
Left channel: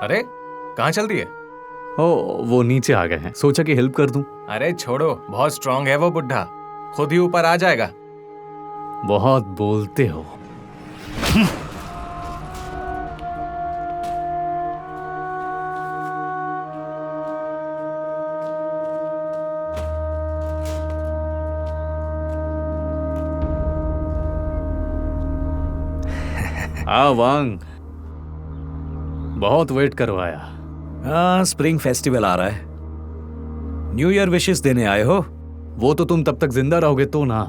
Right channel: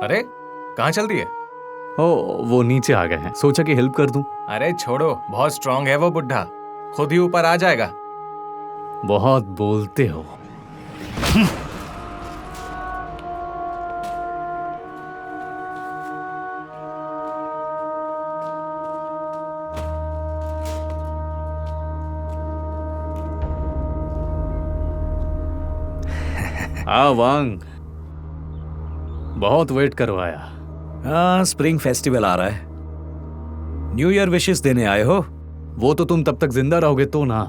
अरे कहाँ चल रही है? ओ, वो नीचे आ गए हैं, सोचा कि हेल्प कर दूं। अरे छोड़ो, बहुत स्ट्रांग है वो बुढ़ा, खुद ही ऊपर आ जाएगा। बहुत बोलते हो। हाँ वांग, बहुत वेट करवाया। हाँ, स्प्रिंग फेस्टिवल आ रहा है। न्यू ईयर विशेस देने आए हो? वो तो तुम तब तक जिंदा रहोगे तो ना।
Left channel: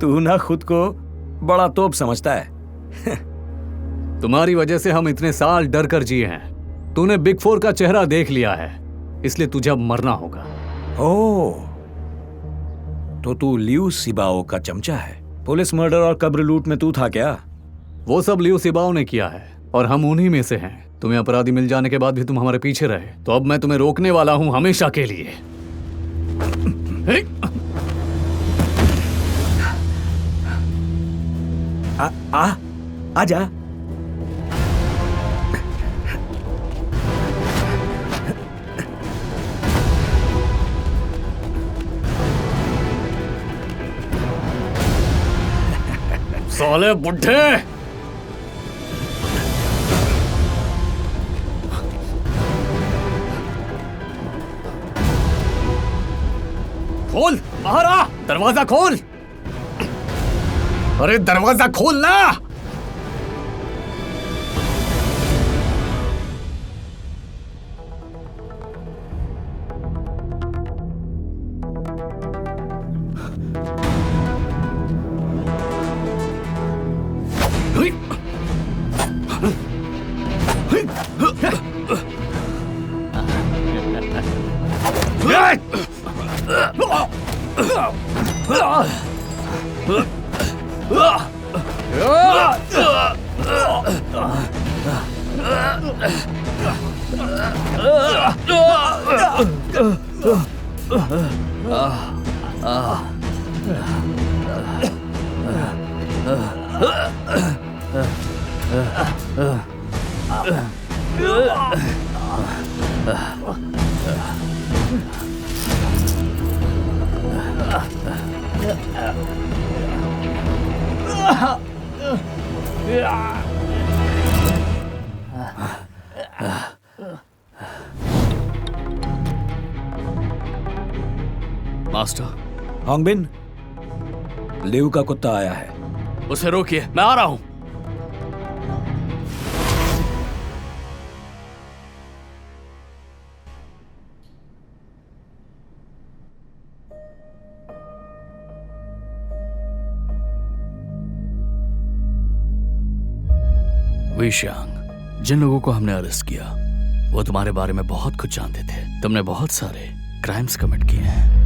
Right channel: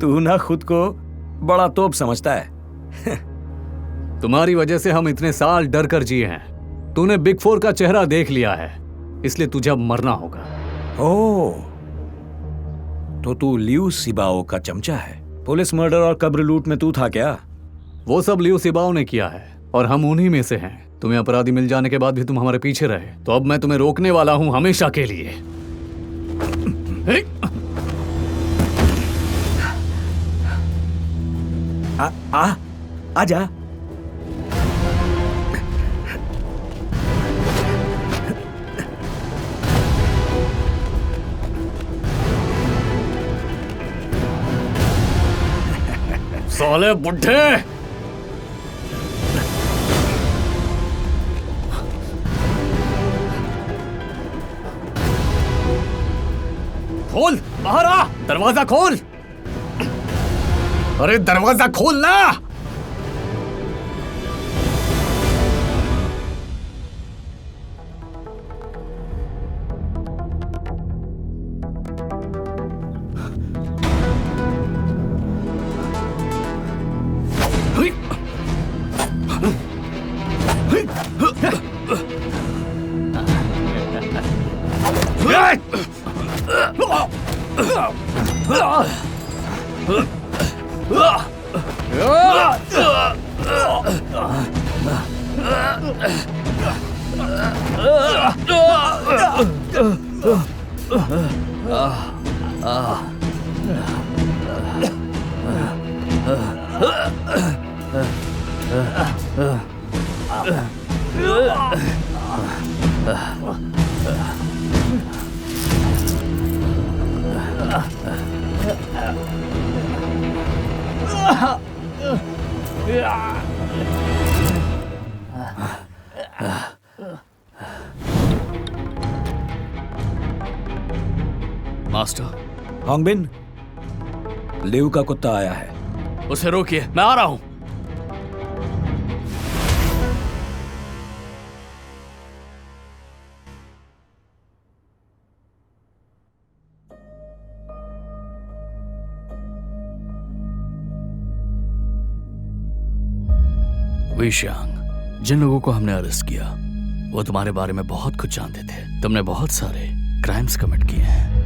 तू ना खुद को बड़ा तोप समझता है। तुम्हारी वजह से हम इतने साल डर कर जिए हैं। तूने बिग फोर का चेहरा देख लिया है, इसलिए तुझे अब मरना होगा। ओह, तो तू लियू सिबाओ का चमचा है। पुलिस मर्डर और कब्र लूट में तू था क्या? वो सब लियू सिबाओ ने किया है और हम उन्हीं में से हैं। तुम्हें अपराधी मिल जाने के बाद भी तुम हमारे पीछे रहे, तो अब मैं तुम्हें रोकने वाला हूं हमेशा के लिए। आजा। साले बुड्ढे! खोल, बाहर आ, दरवाजा खोल। अरे दरवाजा खोल ना। मास्टर, होंगबिन, लियू का कुत्ता आया है। उसे रोकिए, मैं आ रहा हूं। विशांग, जिन लोगों को हमने अरेस्ट किया वो तुम्हारे बारे में बहुत कुछ जानते थे। तुमने बहुत सारे क्राइम्स कमिट किए हैं।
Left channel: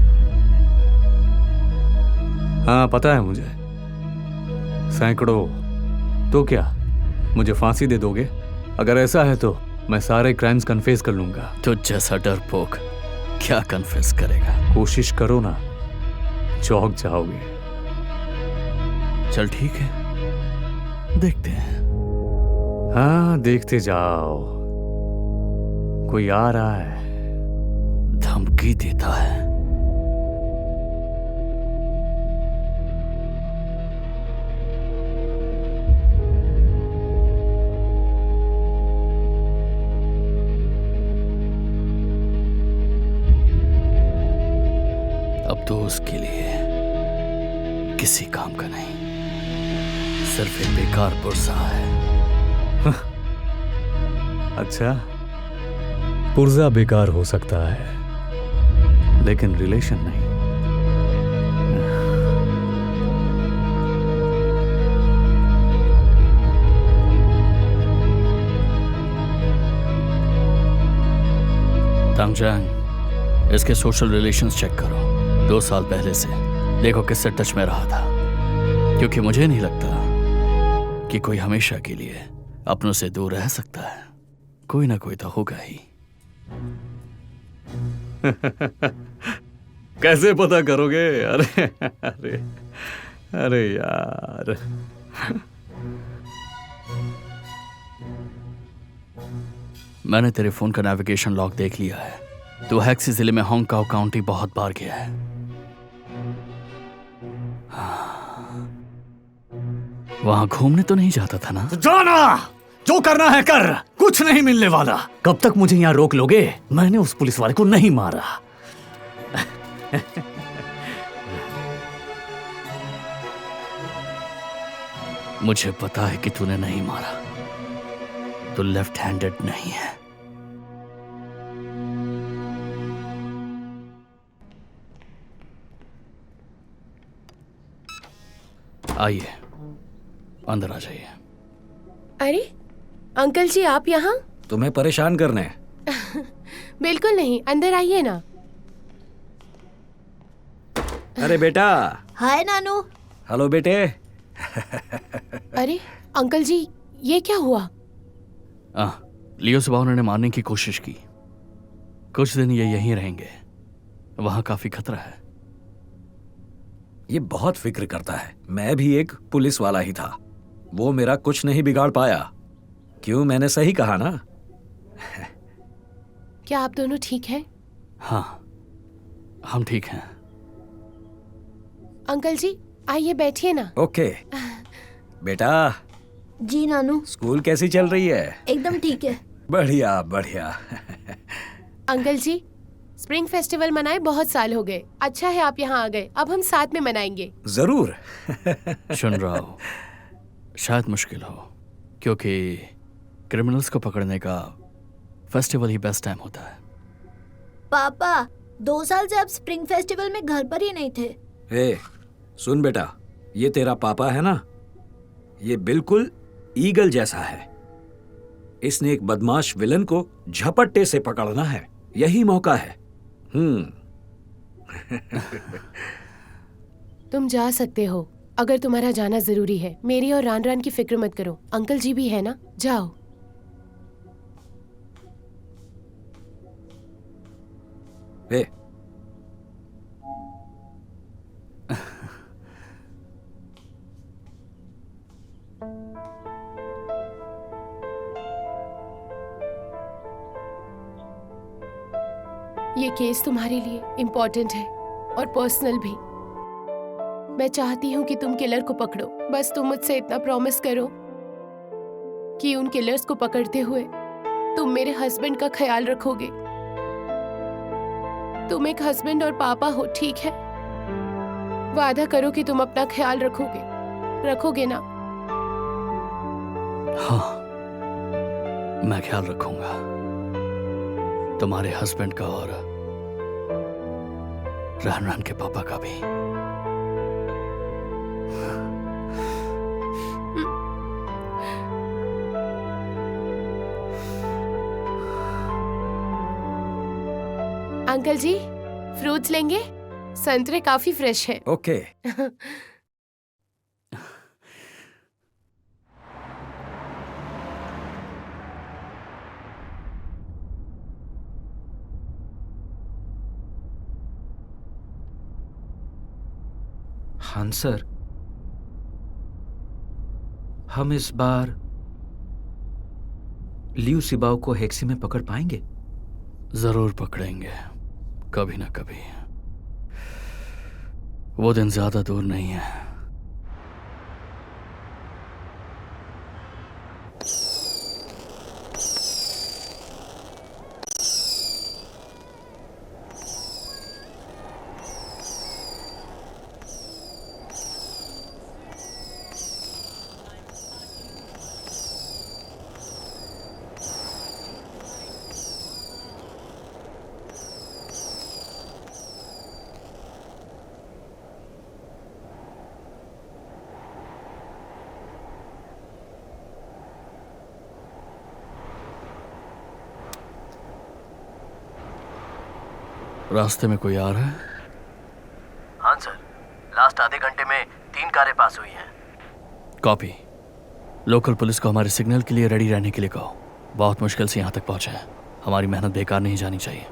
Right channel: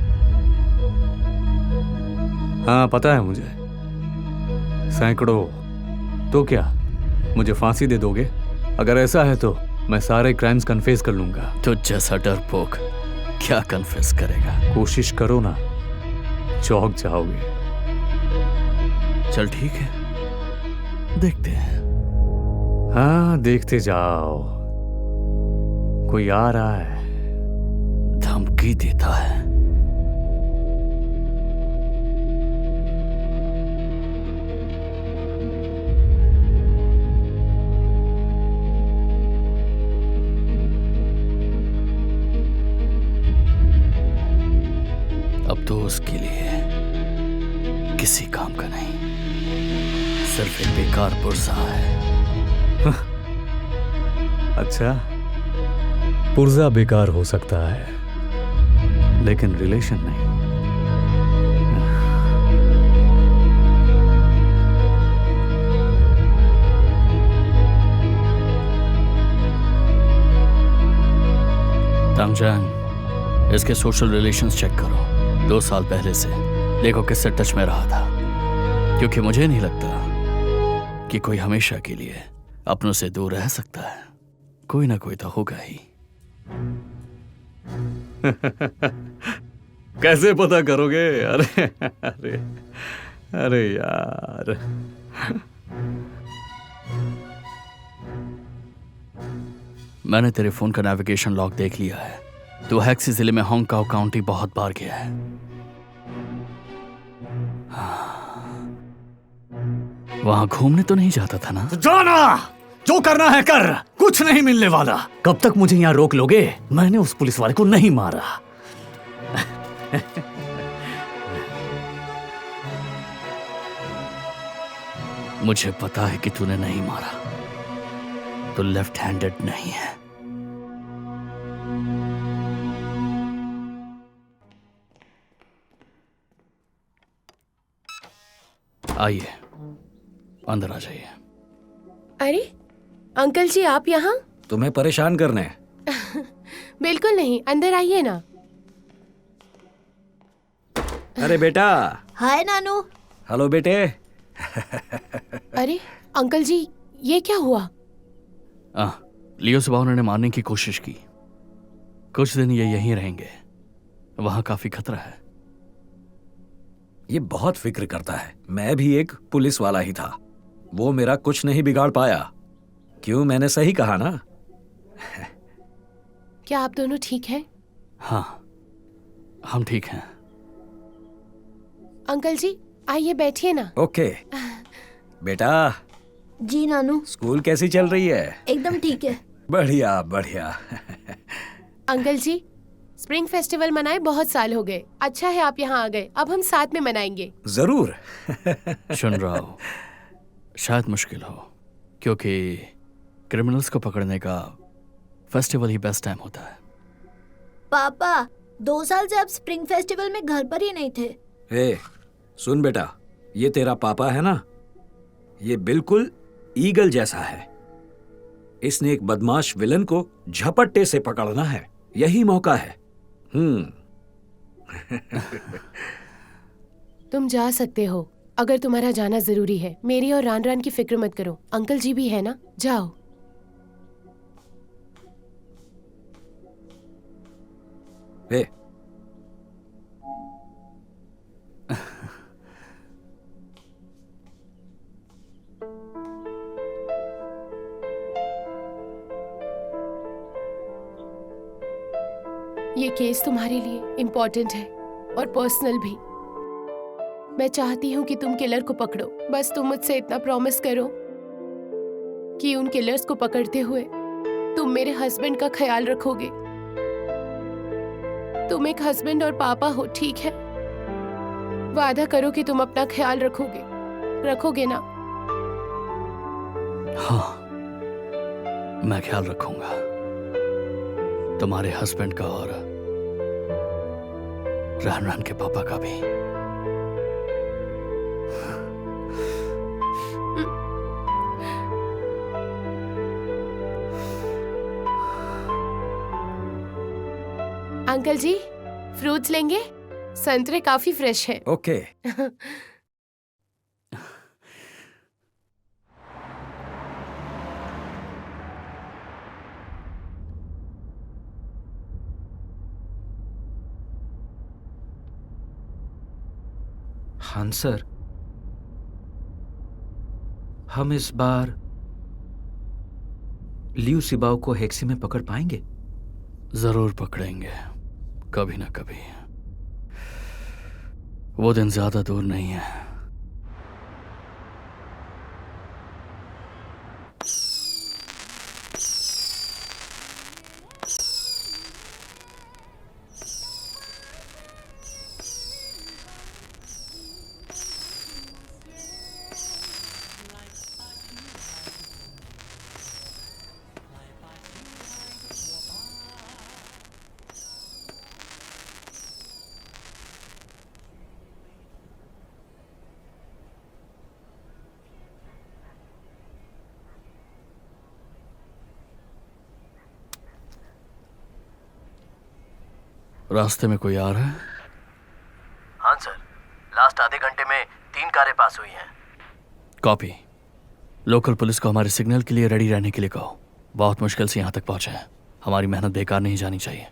हाँ, पता है मुझे, सैकड़ों। तो क्या मुझे फांसी दे दोगे? अगर ऐसा है तो मैं सारे क्राइम्स कन्फेस कर लूंगा। तो जैसा डरपोक क्या कन्फेस करेगा? कोशिश करो ना, चौंक जाओगे। चल ठीक है, देखते हैं। हाँ, देखते जाओ। कोई आ रहा है। धमकी देता है। अब तो उसके लिए किसी काम का नहीं, सिर्फ एक बेकार पुर्जा है। अच्छा, पुर्जा बेकार हो सकता है, लेकिन रिलेशन नहीं। तांगजांग, इसके सोशल रिलेशंस चेक करो। 2 साल पहले से देखो किससे टच में रहा था, क्योंकि मुझे नहीं लगता कि कोई हमेशा के लिए अपनों से दूर रह सकता है। कोई ना कोई तो होगा ही। कैसे पता करोगे? अरे अरे अरे यार, मैंने तेरे फोन का नेविगेशन लॉग देख लिया है। तू हैक्सी जिले में होंगकाओ काउंटी बहुत बार गया है। वहां घूमने तो नहीं जाता था ना? जाना, जो करना है कर, कुछ नहीं मिलने वाला। कब तक मुझे यहां रोक लोगे? मैंने उस पुलिस वाले को नहीं मारा। मुझे पता है कि तूने नहीं मारा। तू लेफ्ट हैंडेड नहीं है। आइए, अंदर आ जाइए। अरे अंकल जी, आप यहाँ? तुम्हें परेशान करने? बिल्कुल नहीं, अंदर आइए ना। अरे बेटा। हाय नानू। हेलो बेटे। अरे अंकल जी, ये क्या हुआ? लियो सुबह उन्होंने मारने की कोशिश की। कुछ दिन ये यहीं रहेंगे, वहां काफी खतरा है। ये बहुत फिक्र करता है। मैं भी एक पुलिस वाला ही था, वो मेरा कुछ नहीं बिगाड़ पाया। क्यों, मैंने सही कहा ना? क्या आप दोनों ठीक हैं? हाँ, हम ठीक हैं। अंकल जी आइए, बैठिए ना। ओके बेटा। जी नानू। स्कूल कैसी चल रही है? एकदम ठीक है। बढ़िया बढ़िया। अंकल जी, स्प्रिंग फेस्टिवल मनाए बहुत साल हो गए। अच्छा है आप यहाँ आ गए, अब हम साथ में मनाएंगे। जरूर। सुन रहा हूँ, शायद मुश्किल हो, क्योंकि क्रिमिनल्स को पकड़ने का फेस्टिवल ही बेस्ट टाइम होता है। पापा 2 साल से आप स्प्रिंग फेस्टिवल में घर पर ही नहीं थे। ए, सुन बेटा, ये तेरा पापा है ना, ये बिल्कुल ईगल जैसा है। इसने एक बदमाश विलन को झपट्टे से पकड़ना है, यही मौका है। तुम जा सकते हो अगर तुम्हारा जाना जरूरी है। मेरी और रान रान की फिक्र मत करो, अंकल जी भी है ना, जाओ। ए, ये केस तुम्हारे लिए इम्पोर्टेंट है और पर्सनल भी। मैं चाहती हूँ कि तुम किलर को पकड़ो। बस तुम मुझसे इतना प्रॉमिस करो कि उन किलर्स को पकड़ते हुए तुम मेरे हस्बैंड का ख्याल रखोगे। तुम एक हस्बैंड और पापा हो, ठीक है? वादा करो कि तुम अपना ख्याल रखोगे ना? हाँ, मैं ख्याल रखूंगा तुम्हारे हस्बैंड का और रान रान के पापा का भी। अंकल जी, फ्रूट्स लेंगे? संतरे काफी फ्रेश हैं। ओके। हाँ सर, हम इस बार लियू सिबाओ को हेक्सी में पकड़ पाएंगे? जरूर पकड़ेंगे, कभी ना कभी। वो दिन ज्यादा दूर नहीं है। रास्ते में कोई आ रहा है? हाँ सर, लास्ट आधे घंटे में 3 कारें पास हुई हैं। कॉपी। लोकल पुलिस को हमारे सिग्नल के लिए रेडी रहने के लिए कहो। बहुत मुश्किल से यहाँ तक पहुँचे हैं, हमारी मेहनत बेकार नहीं जानी चाहिए।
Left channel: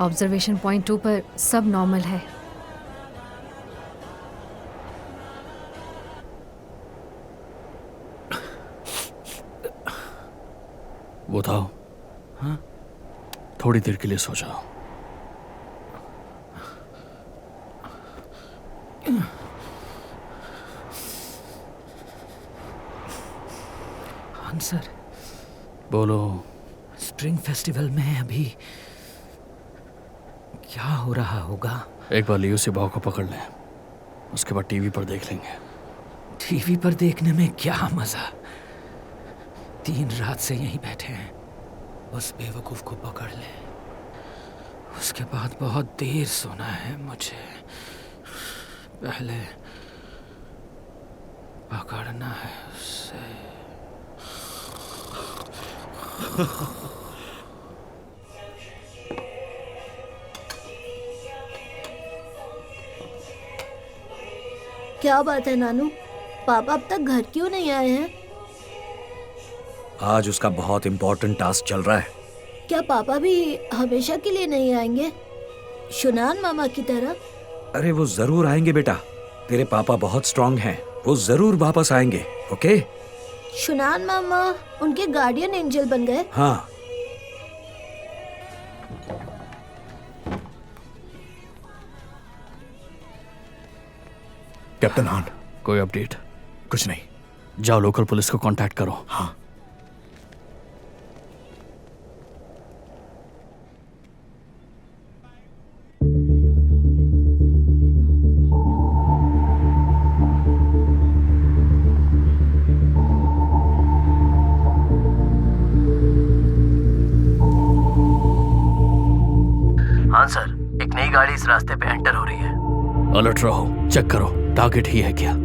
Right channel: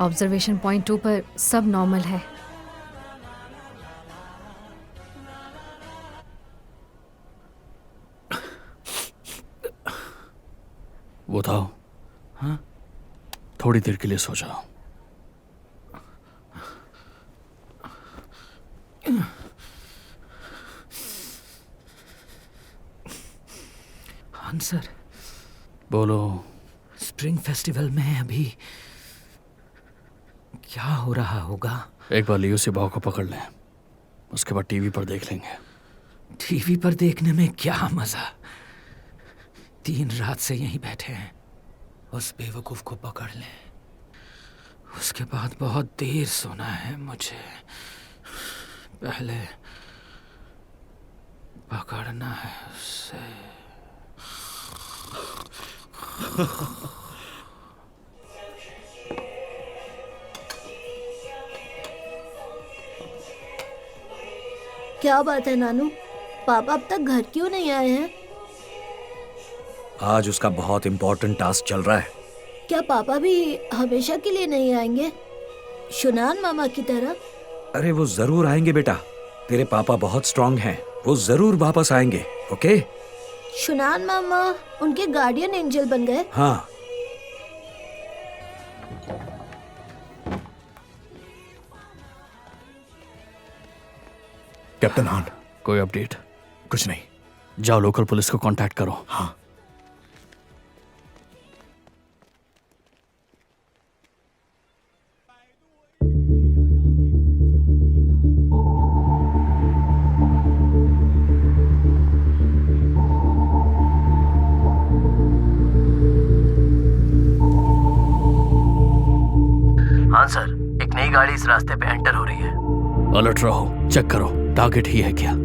ऑब्जर्वेशन पॉइंट 2 पर सब नॉर्मल है। वो था। हाँ? थोड़ी देर के लिए सो जाओ। हाँ सर। बोलो। स्प्रिंग फेस्टिवल में अभी क्या हो रहा होगा? एक बार लियो सिबाओ को पकड़ लें, उसके बाद टीवी पर देख लेंगे। टीवी पर देखने में क्या मजा? 3 रात से यहीं बैठे हैं। उस बेवकूफ को पकड़ ले, उसके बाद बहुत देर सोना है मुझे। पहले पकड़ना है उसे। क्या बात है नानू, पापा अब तक घर क्यों नहीं आए हैं? आज उसका बहुत इम्पोर्टेंट टास्क चल रहा है। क्या पापा भी हमेशा के लिए नहीं आएंगे, शुनान मामा की तरह? अरे वो जरूर आएंगे बेटा, तेरे पापा बहुत स्ट्रांग हैं, वो जरूर वापस आएंगे। ओके? शुनान मामा उनके गार्डियन एंजल बन गए? हाँ। कैप्टन हान, कोई अपडेट? कुछ नहीं। जाओ लोकल पुलिस को कांटेक्ट करो। हाँ। हाँ सर, एक नई गाड़ी इस रास्ते पे एंटर हो रही है। अलर्ट रहो, चेक करो टारगेट ही है क्या।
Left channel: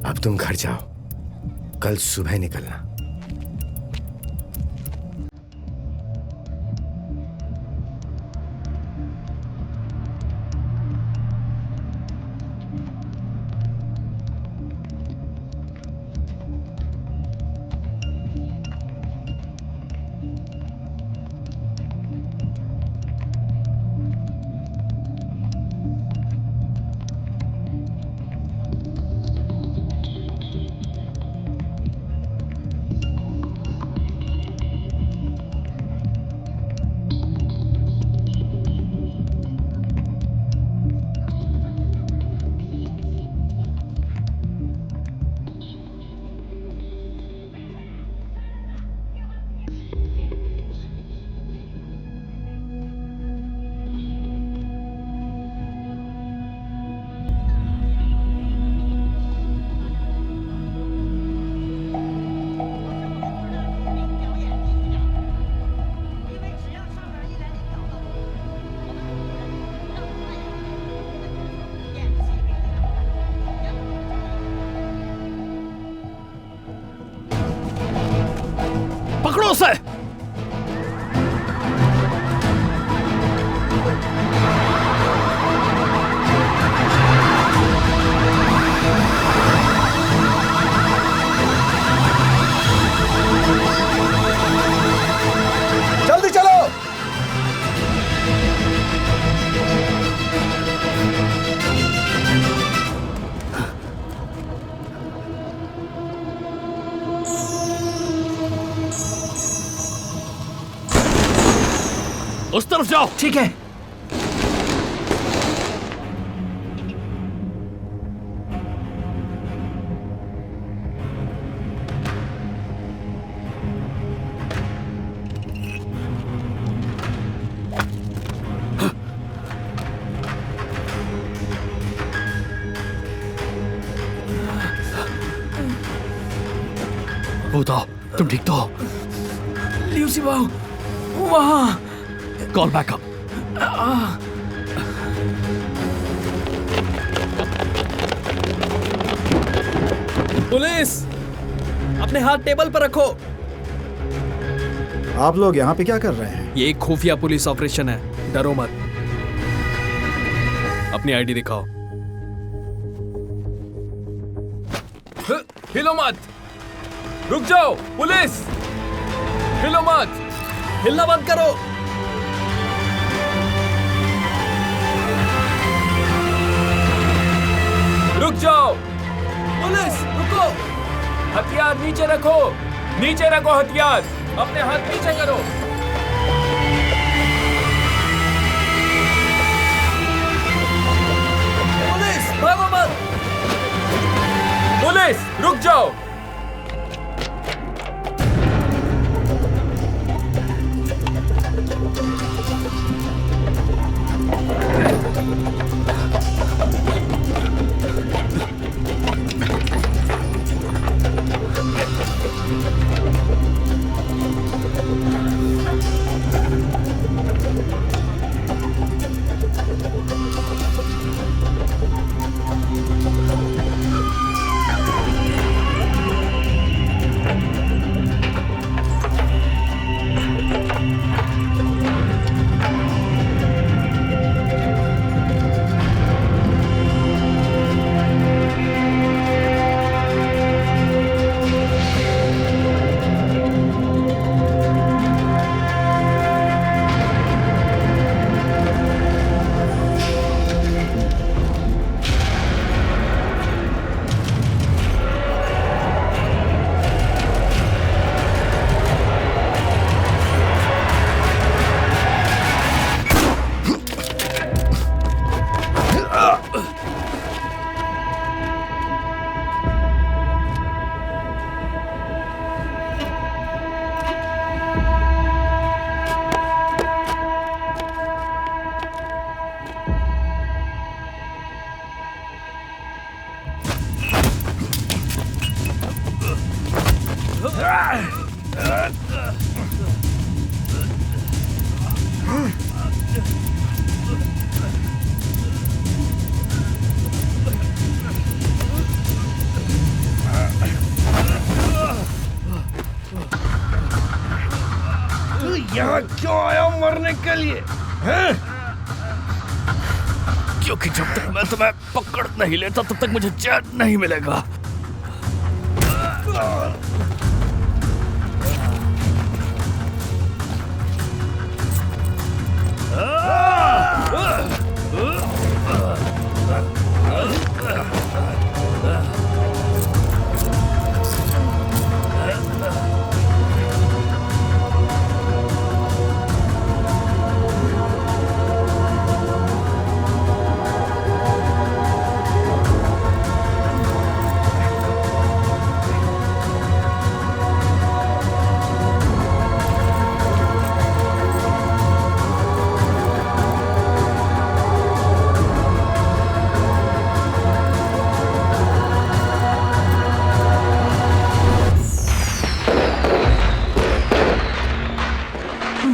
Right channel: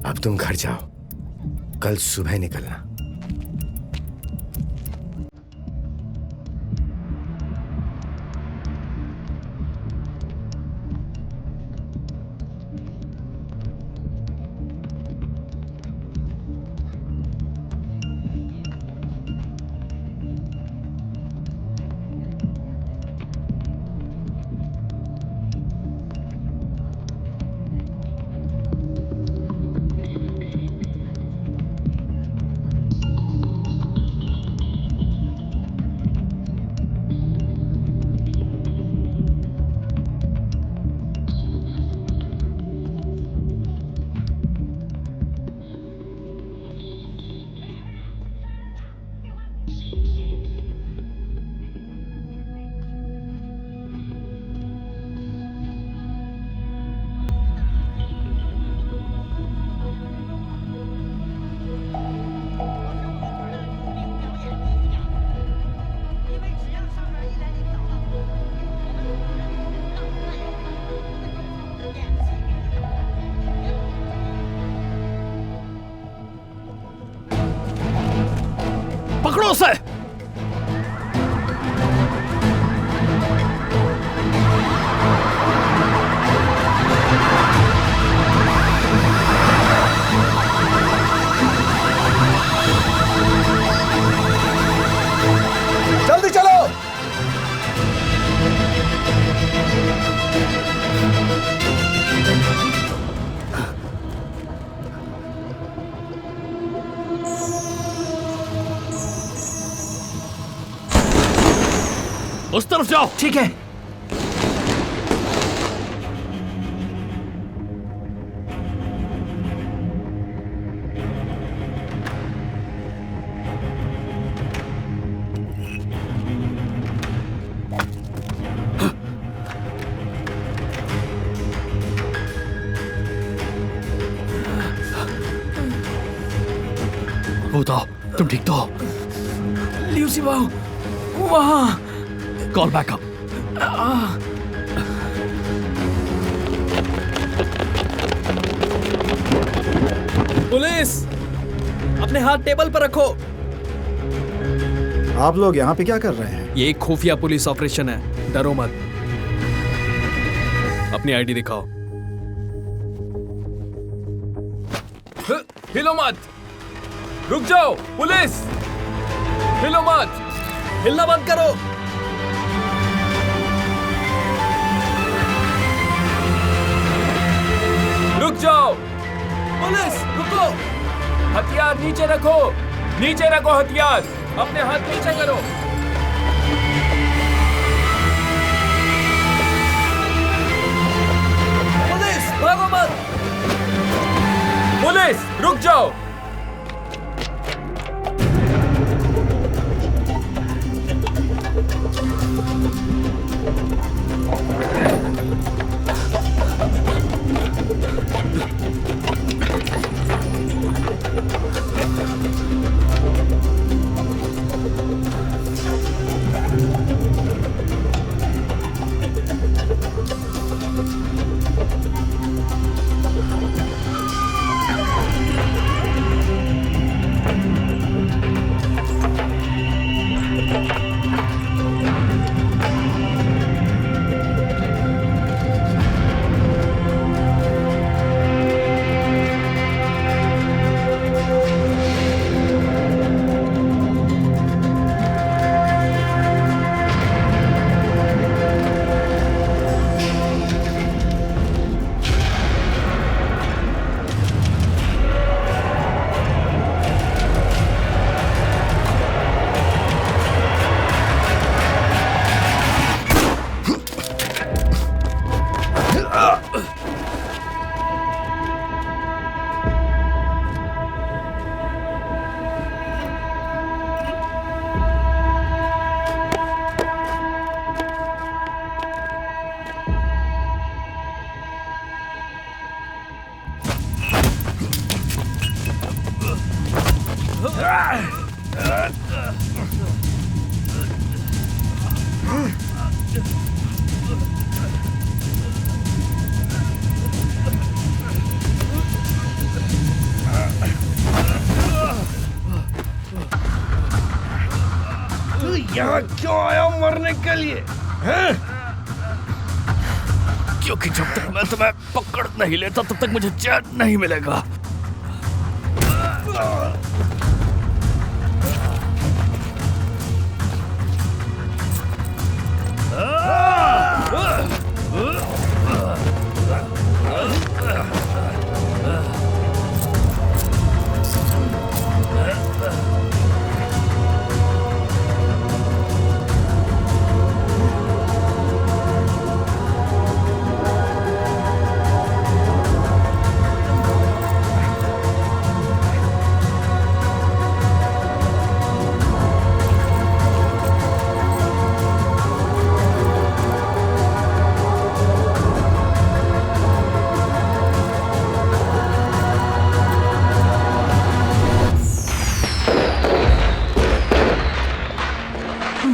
अब तुम घर जाओ, कल सुबह निकलना। पकड़ो उसे। जल्दी चलो। उस तरफ जाओ। ठीक है। बताओ, तुम ठीक तो हो? ल्यूसी बाऊ वहां। Call backup. पुलिस, अपने हाथ टेबल पर रखो। आप लोग यहाँ पे क्या कर रहे हैं? ये एक खुफिया पुलिस ऑपरेशन है, डरो मत। अपनी आईडी दिखाओ। हिलो मत, रुक जाओ। पुलिस, हिलो मत, हिलना बंद करो। रुक जाओ। पुलिस, रुको। हथियार नीचे रखो। नीचे रखो हथियार, अपने हाथ पीछे करो। पुलिस भागो मत। पुलिस रुक जाओ। तू यहाँ क्यों आया मरने के लिए हैं? क्योंकि जब तक मैं तुम्हें पकड़ नहीं लेता तब तक मुझे चैन नहीं मिलेगा।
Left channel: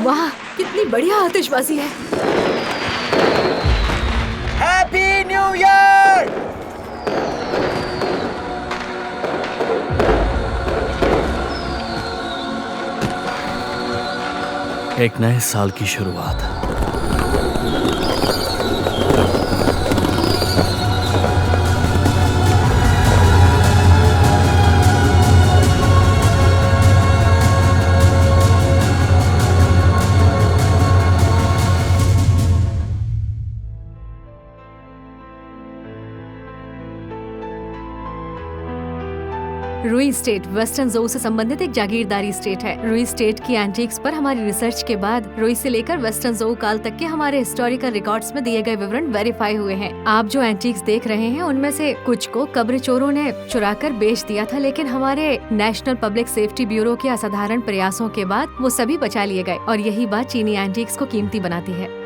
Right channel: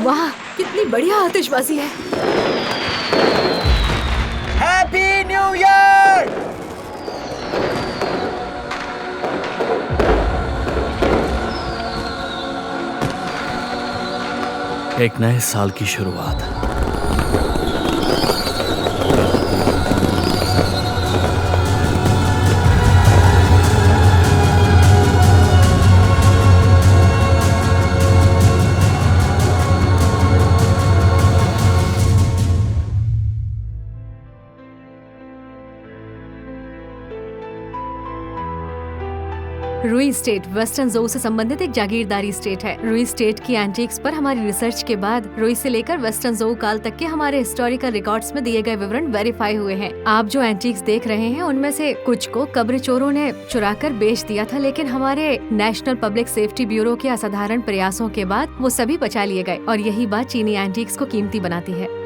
वाह, कितनी बढ़िया आतिशबाजी है। Happy new year. एक नए साल की शुरुआत। रुई स्टेट वेस्टर्न जोन से संबंधित एक जागीरदारी स्टेट है। रुई स्टेट की एंटीक्स पर हमारी रिसर्च के बाद रुई से लेकर वेस्टर्न जोन काल तक के हमारे हिस्टोरिकल रिकॉर्ड्स में दिए गए विवरण वेरीफाई हुए हैं। आप जो एंटीक्स देख रहे हैं उनमें से कुछ को कब्र चोरों ने चुराकर बेच दिया था, लेकिन हमारे नेशनल पब्लिक सेफ्टी ब्यूरो के असाधारण प्रयासों के बाद वो सभी बचा लिए गए और यही बात चीनी एंटीक्स को कीमती बनाती है।